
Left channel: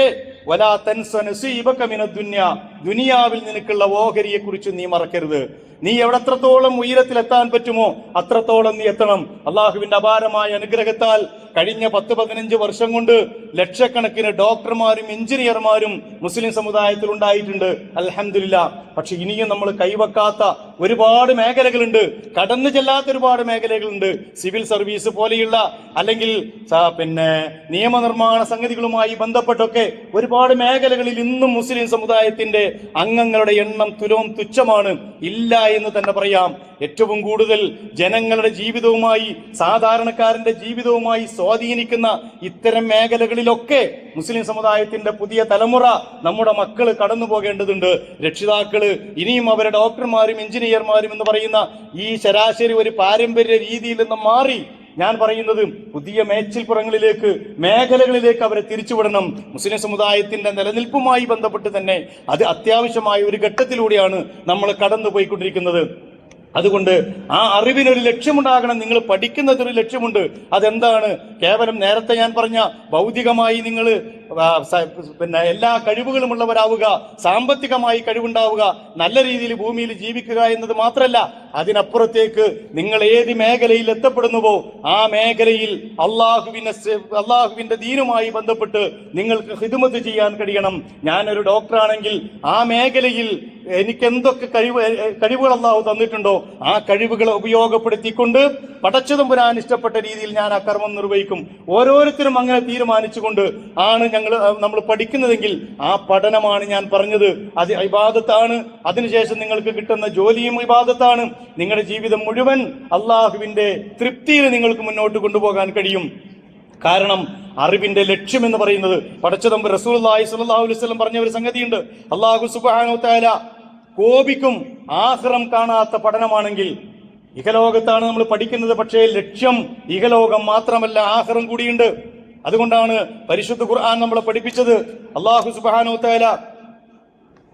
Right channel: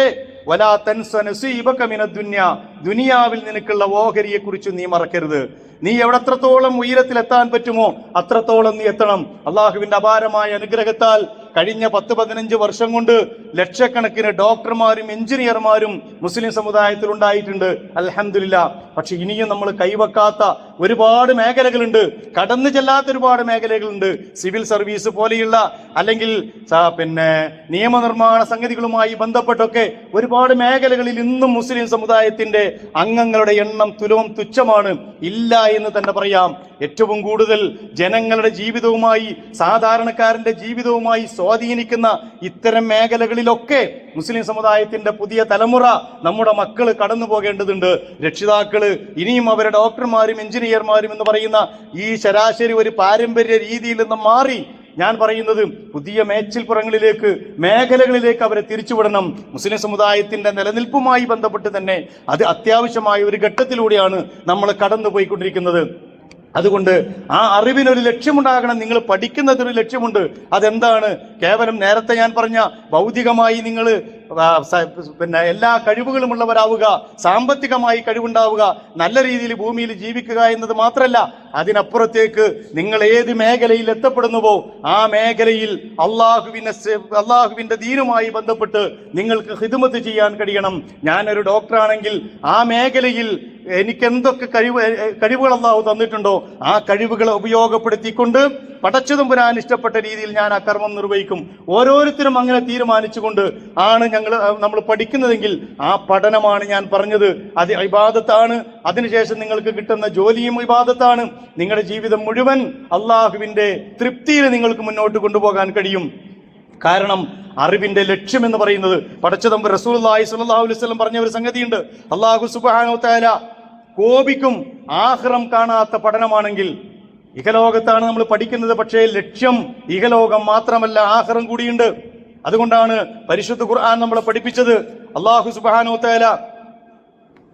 വലാ തൻസ നസീബക മിനദ് ദുനിയ, ദുനിയാവിൽ നിനക്കുള്ള ഓഹരിയെ കുറിച്ച് നീ മറക്കരുത്. നീ എത്രത്തോളം ഉയരത്തിലെത്താൻ പറ്റുമോ അത്രത്തോളം നീ എത്തണം. അള്ളാഹുവിന്റെ അപാരമായ അനുഗ്രഹത്താൽ കഴിഞ്ഞ 10-15 വർഷം കൊണ്ട് ലക്ഷക്കണക്കിന് ഡോക്ടർമാരും എഞ്ചിനീയർമാരും മുസ്ലിം സമുദായത്തിൽ ഉണ്ടായിട്ടുണ്ട്. അൽഹംദുലില്ലാഹ്. പക്ഷെ ഇനിയും നമ്മൾ കൈവക്കാത്ത ഒരുപാട് മേഖലകളുണ്ട്, കടന്നു ചെല്ലാത്ത ഒരുപാട് മേഖലകളുണ്ട്. സിവിൽ സർവീസ് പോലെയുള്ള അല്ലെങ്കിൽ നിയമനിർമ്മാണ സംഗതികളുമായി ബന്ധപ്പെട്ടൊക്കെ ഒരുപാട് മേഖലകളിൽ ഇന്നും മുസ്ലിം സമുദായത്തിന്റെ അംഗങ്ങളുടെ എണ്ണം തുച്ഛമാണ്, ഇല്ല എന്ന് തന്നെ പറയാം. ഏറ്റവും കൂടുതൽ ജനങ്ങളുടെ ജീവിതവുമായി, സാധാരണക്കാരന്റെ ജീവിതവുമായി സ്വാധീനിക്കുന്ന ഇത്തരം മേഖലകളിലൊക്കെ മുസ്ലിം സമുദായത്തിന്റെ പുതിയ തലമുറ, നമ്മുടെ മക്കൾ കടന്നു പോകേണ്ടതുണ്ട്. രക്ഷിതാക്കള് ഇനിയും അവരെ ഡോക്ടർമാരും എഞ്ചിനീയർമാരും എന്ന് പറയുന്ന ഈ ശരാശരി ഒരു പാരമ്പര്യ രീതിയിൽ നിന്ന് മാറി ഞാൻ പറയുന്നത് പുതിയ മേച്ചിൽപ്പുറങ്ങളിലേക്ക്, മേഖലകളിലേക്ക് അവരെ തിരിച്ചുവിടണം. മുസ്ലിം സമുദായത്തിന്റെ നിലനിൽപ്പുമായി ബന്ധപ്പെട്ട് തന്നെ അത് അത്യാവശ്യമായ ഒരു ഘട്ടത്തിലൂടെയാണ് നമ്മൾ കടന്നുപോയിക്കൊണ്ടിരിക്കുന്നത്. അതുകൊണ്ട് ആ അറിവിനൊരു ലക്ഷ്യമുണ്ടാകണം. നിങ്ങൾ പഠിക്കുന്നതൊരു ലക്ഷ്യമുണ്ട്. അതെന്താണ്? കേവലം നേരത്തെ ഞാൻ പറഞ്ഞ ഭൗതികമായി നിങ്ങൾ എല്ലാ കഴിവുകളും ഉള്ളവരാവുക, സാമ്പത്തികമായി കഴിവുണ്ടാവുക, നല്ല രീതിയിൽ ഭൂമിയിൽ ജീവിക്കുക എന്നത് മാത്രമല്ല, അതിനപ്പുറത്തേക്ക് നിങ്ങൾ ഏത് മേഖലയിൽ എത്തപ്പെടുന്നുവോ ആ മേഖലയിൽ അള്ളാഹുവിന്റെ ദീനുമായി ബന്ധപ്പെട്ട് നിങ്ങൾക്ക് ഖിദ്മത്ത് ചെയ്യാൻ കഴിയണം. ഞാനൊരു ഡോക്ടറാണെങ്കിൽ ആ മേഖലയിൽ എനിക്ക് എന്തൊക്കെ കഴിവുകൾ അള്ളാഹു തന്നിട്ടുണ്ടോ ആ കഴിവുകളെ ഉപയോഗപ്പെടുത്തിക്കൊണ്ട് പടച്ചതമ്പുരാൻ ഇഷ്ടപ്പെട്ട രീതിയിൽ ഞാൻ ആ കർമ്മം നിർവഹിക്കും. ഓരോരുത്തരും അങ്ങനെ തീരുമാനിച്ചുകൊണ്ട് ആണ് നമ്മൾ പഠിക്കുന്നതെങ്കിൽ ആ പഠനമാണ് ഞാൻ പറഞ്ഞത്, അത് ഇബാദത്താണ്. അതിനുശേഷം നിങ്ങൾക്ക് കിട്ടുന്ന ജോലിയും ഇബാദത്താണ്. നിങ്ങളുടെ ജീവിതം മുഴുവൻ അള്ളാഹുവിന്റെ തൃപ്തിയിൽ നിങ്ങൾക്ക് മുന്നോട്ട് കൊണ്ടുപോകാൻ കഴിയും. കാരണം അറിവിന്റെ ലക്ഷ്യം എന്ന് പറയുന്നത് പടച്ചതമ്പ് റസൂലുള്ളാഹി സ്വല്ലല്ലാഹു അലൈഹി വസല്ലം പറഞ്ഞ ഒരു സംഗതിയുണ്ട്. അല്ലാഹു സുബ്ഹാനഹു വ തആല കോപിക്കും ആഖിറം കാണാത്ത പഠനമാണെങ്കിൽ. ഇഹലോകത്താണ് നമ്മൾ പഠിക്കുന്നത്, പക്ഷേ ലക്ഷ്യം ഇഹലോകം മാത്രമല്ല, ആഖിറം കൂടിയുണ്ട്. അതുകൊണ്ടാണ് പരിശുദ്ധ ഖുർആൻ നമ്മളെ പഠിപ്പിച്ചത്. അല്ലാഹു സുബ്ഹാനഹു വ തആല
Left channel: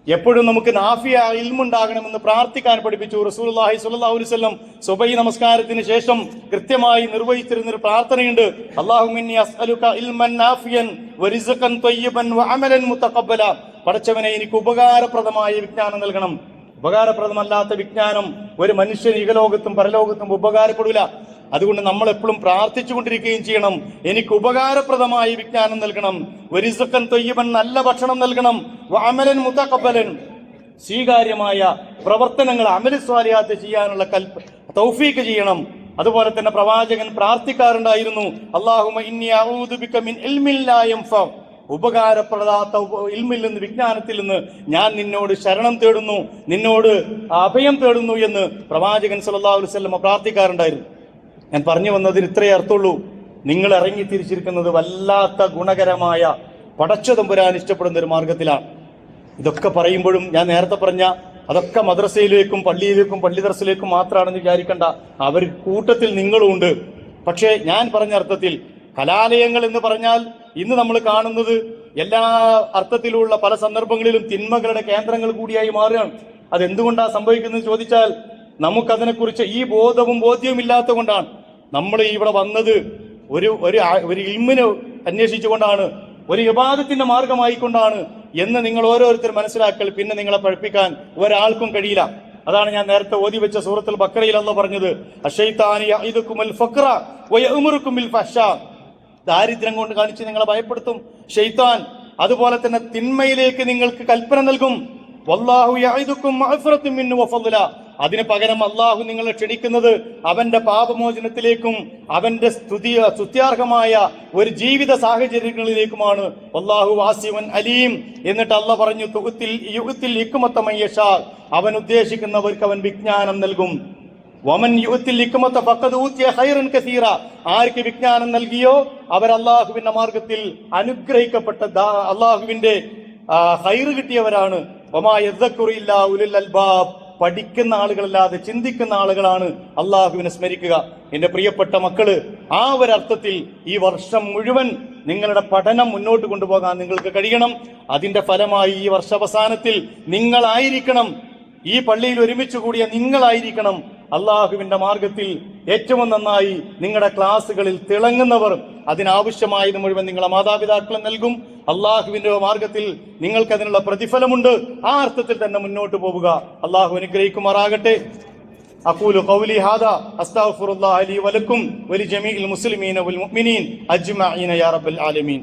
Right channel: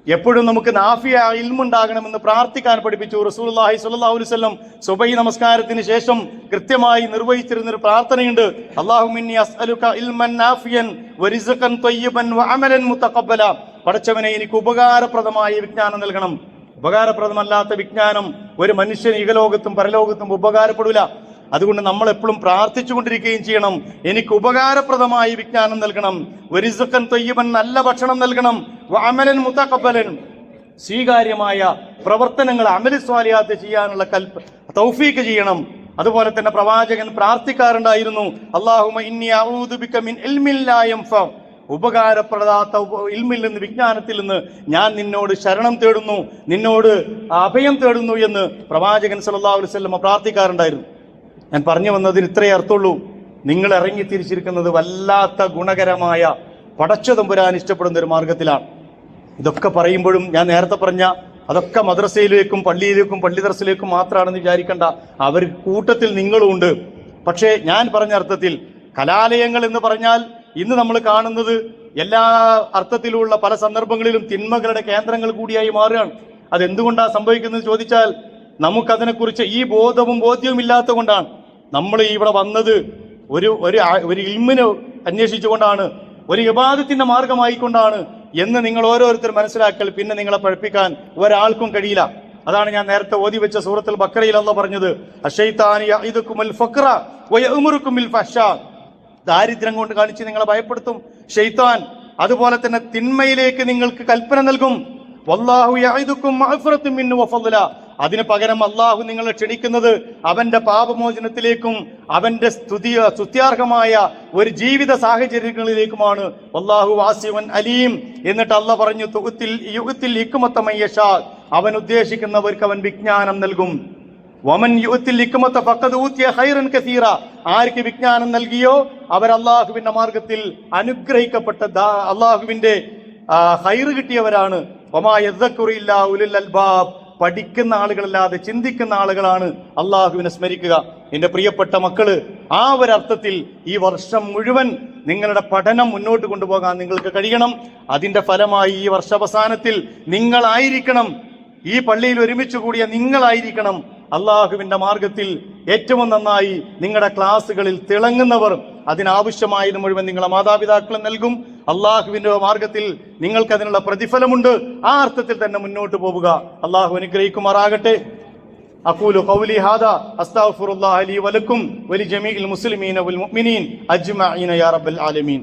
എപ്പോഴും നമുക്ക് നാഫിയ ഇൽമുണ്ടാകണമെന്ന് പ്രാർത്ഥിക്കാൻ പഠിപ്പിച്ചു. റസൂലുള്ളാഹി സ്വല്ലല്ലാഹു അലൈഹി വസല്ലം സുബഹി നമസ്കാരത്തിന് ശേഷം കൃത്യമായി നിർവഹിച്ചിരുന്ന ഒരു പ്രാർത്ഥനയുണ്ട്. അല്ലാഹുമ്മ ഇന്നി അസ്അലുക ഇൽമൻ നാഫിയൻ വറിസ്ഖൻ ത്വയ്യിബൻ വഅമലൻ മുതഖബ്ബല. പടച്ചവനെ, എനിക്ക് ഉപകാരപ്രദമായ വിജ്ഞാനം നൽകണം. ഉപകാരപ്രദമല്ലാത്ത വിജ്ഞാനം ഒരു മനുഷ്യന് ഇഹലോകത്തും പരലോകത്തും ഉപകാരപ്പെടില്ല. അതുകൊണ്ട് നമ്മൾ എപ്പോഴും പ്രാർത്ഥിച്ചു കൊണ്ടിരിക്കുകയും ചെയ്യണം. എനിക്ക് ഉപകാരപ്രദമായ വിജ്ഞാനം നൽകണം, വറിസ്ഖൻ ത്വയ്യിബൻ, നല്ല ഭക്ഷണം നൽകണം, വഅമലൻ മുതഖബ്ബലൻ, സ്വീകാര്യമായ പ്രവർത്തനങ്ങൾ അമലി സ്വാലിഹാത്ത് ചെയ്യാനുള്ള തൗഫീഖ് ചെയ്യണം. അതുപോലെ തന്നെ പ്രവാചകൻ പ്രാർത്ഥിക്കാറുണ്ടായിരുന്നു, അല്ലാഹുമ്മ ഇന്നി അഊദു ബിക മിൻ ഇൽമിൻ ലാ യൻഫ, ഉപകാരപ്പെടാത്ത ഇൽമിൽ നിന്ന്, വിജ്ഞാനത്തിൽ നിന്ന് ഞാൻ നിന്നോട് ശരണം തേടുന്നു, നിന്നോട് അഭയം തേടുന്നു എന്ന് പ്രവാചകൻ സല്ലല്ലാഹു അലൈഹി വസല്ലം പ്രാർത്ഥിക്കാറുണ്ടായിരുന്നു. ഞാൻ പറഞ്ഞു വന്നതിന് ഇത്രയേ അർത്ഥമുള്ളൂ. നിങ്ങൾ ഇറങ്ങി തിരിച്ചിരിക്കുന്നത് വല്ലാത്ത ഗുണകരമായ പടച്ചതമ്പുരാൻ ഇഷ്ടപ്പെടുന്ന ഒരു മാർഗത്തിലാണ്. ഇതൊക്കെ പറയുമ്പോഴും ഞാൻ നേരത്തെ പറഞ്ഞ അതൊക്കെ മദ്രസയിലേക്കും പള്ളിയിലേക്കും പള്ളി ദർസിലേക്കും മാത്രമാണെന്ന് വിചാരിക്കേണ്ട. അവർ കൂട്ടത്തിൽ നിങ്ങളും ഉണ്ട്. പക്ഷേ ഞാൻ പറഞ്ഞ അർത്ഥത്തിൽ കലാലയങ്ങൾ എന്ന് പറഞ്ഞാൽ ഇന്ന് നമ്മൾ കാണുന്നത് എല്ലാ അർത്ഥത്തിലുള്ള പല സന്ദർഭങ്ങളിലും തിന്മകളുടെ കേന്ദ്രങ്ങൾ കൂടിയായി മാറുകയാണ്. അതെന്തുകൊണ്ടാണ് സംഭവിക്കുന്നത് ചോദിച്ചാൽ നമുക്കതിനെക്കുറിച്ച് ഈ ബോധ്യവും ഇല്ലാത്തത് കൊണ്ടാണ്. നമ്മൾ ഇവിടെ വന്നത് ഒരു ഇൽമിനെ അന്വേഷിച്ചുകൊണ്ടാണ്, ഒരു ഇബാദത്തിന്റെ മാർഗമായിക്കൊണ്ടാണ് എന്ന് നിങ്ങൾ ഓരോരുത്തർ മനസ്സിലാക്കൽ. പിന്നെ നിങ്ങളെ പഠിപ്പിക്കാൻ ഒരാൾക്കും കഴിയില്ല. അതാണ് ഞാൻ നേരത്തെ ഓതി വെച്ച സൂറത്തുൽ ബഖറയിൽ അല്ലാഹു പറഞ്ഞത്, അശൈത്താനി യഇദുകുമുൽ ഫഖറ വയഅമുറുകും ബിൽ ഫഹ്ശാ, ദാരിദ്ര്യം കൊണ്ട് കാണിച്ച് നിങ്ങളെ ഭയപ്പെടുത്തും ഷൈത്താൻ. അതുപോലെ തന്നെ തിന്മയിലേക്ക് നിങ്ങൾക്ക് കൽപ്പന നൽകും. വല്ലാഹു യഇദുകും മഗ്ഫിറത്തും മിന്നു വഫളല, അതിന് പകരം അള്ളാഹു നിങ്ങളെ ക്ഷണിക്കുന്നത് അവന്റെ പാപമോചനത്തിലേക്കും അവന്റെ സ്തുത്യാർഹമായ ഒരു ജീവിത സാഹചര്യങ്ങളിലേക്കുമാണ്. വല്ലാഹു വാസിഉൻ അലീം. എന്നിട്ട് അള്ളാഹ് പറഞ്ഞു, യുഅ്തിൽ ഹിക്മത മൻ യശാ, അവൻ ഉദ്ദേശിക്കുന്നവർക്ക് അവൻ വിജ്ഞാനം നൽകും. വമൻ യുഅ്തിൽ ഹിക്മത ഫഖദ് ഊതിയ ഖൈറൻ കസീറ, ആർക്ക് വിജ്ഞാനം നൽകിയോ അവർ അള്ളാഹുവിന്റെ മാർഗത്തിൽ അനുഗ്രഹിക്കപ്പെട്ട അള്ളാഹുവിന്റെ ഖൈർ കിട്ടിയവരാണ്. വമാ യദ്ദക്കുറു ഇല്ലാ ഉലുൽ അൽബാബ്, പഠിക്കുന്ന ആളുകളല്ലാതെ ചിന്തിക്കുന്ന ആളുകളാണ് അള്ളാഹുവിനെ സ്മരിക്കുക. എന്റെ പ്രിയപ്പെട്ട മക്കള്, ആ ഒരർത്ഥത്തിൽ ഈ വർഷം മുഴുവൻ നിങ്ങളുടെ പഠനം മുന്നോട്ട് കൊണ്ടുപോകാൻ നിങ്ങൾക്ക് കഴിയണം. അതിന്റെ ഫലമായി ഈ വർഷാവസാനത്തിൽ നിങ്ങളായിരിക്കണം, ഈ പള്ളിയിൽ ഒരുമിച്ച് കൂടിയ നിങ്ങളായിരിക്കണം അള്ളാഹുവിന്റെ മാർഗത്തിൽ ഏറ്റവും നന്നായി നിങ്ങളുടെ ക്ലാസ്സുകളിൽ തിളങ്ങുന്നവർ. അതിനാവശ്യമായത് മുഴുവൻ നിങ്ങളുടെ മാതാപിതാക്കൾ നൽകും. അള്ളാഹുവിന്റെ മാർഗത്തിൽ നിങ്ങൾക്ക് അതിനുള്ള പ്രതിഫലമുണ്ട്. ആ അർത്ഥത്തിൽ തന്നെ മുന്നോട്ട് പോവുക. അള്ളാഹു അനുഗ്രഹിക്കുമാറാകട്ടെ. അഖൂലു ഖൗലി ഹാദാ അസ്തഗ്ഫിറുല്ലാഹ ലി വലക്കും വലിജമീഇൽ മുസ്ലിമീന വൽ മുഅ്മിനീൻ അജ്മഈന യാ റബ്ബൽ ആലമീൻ.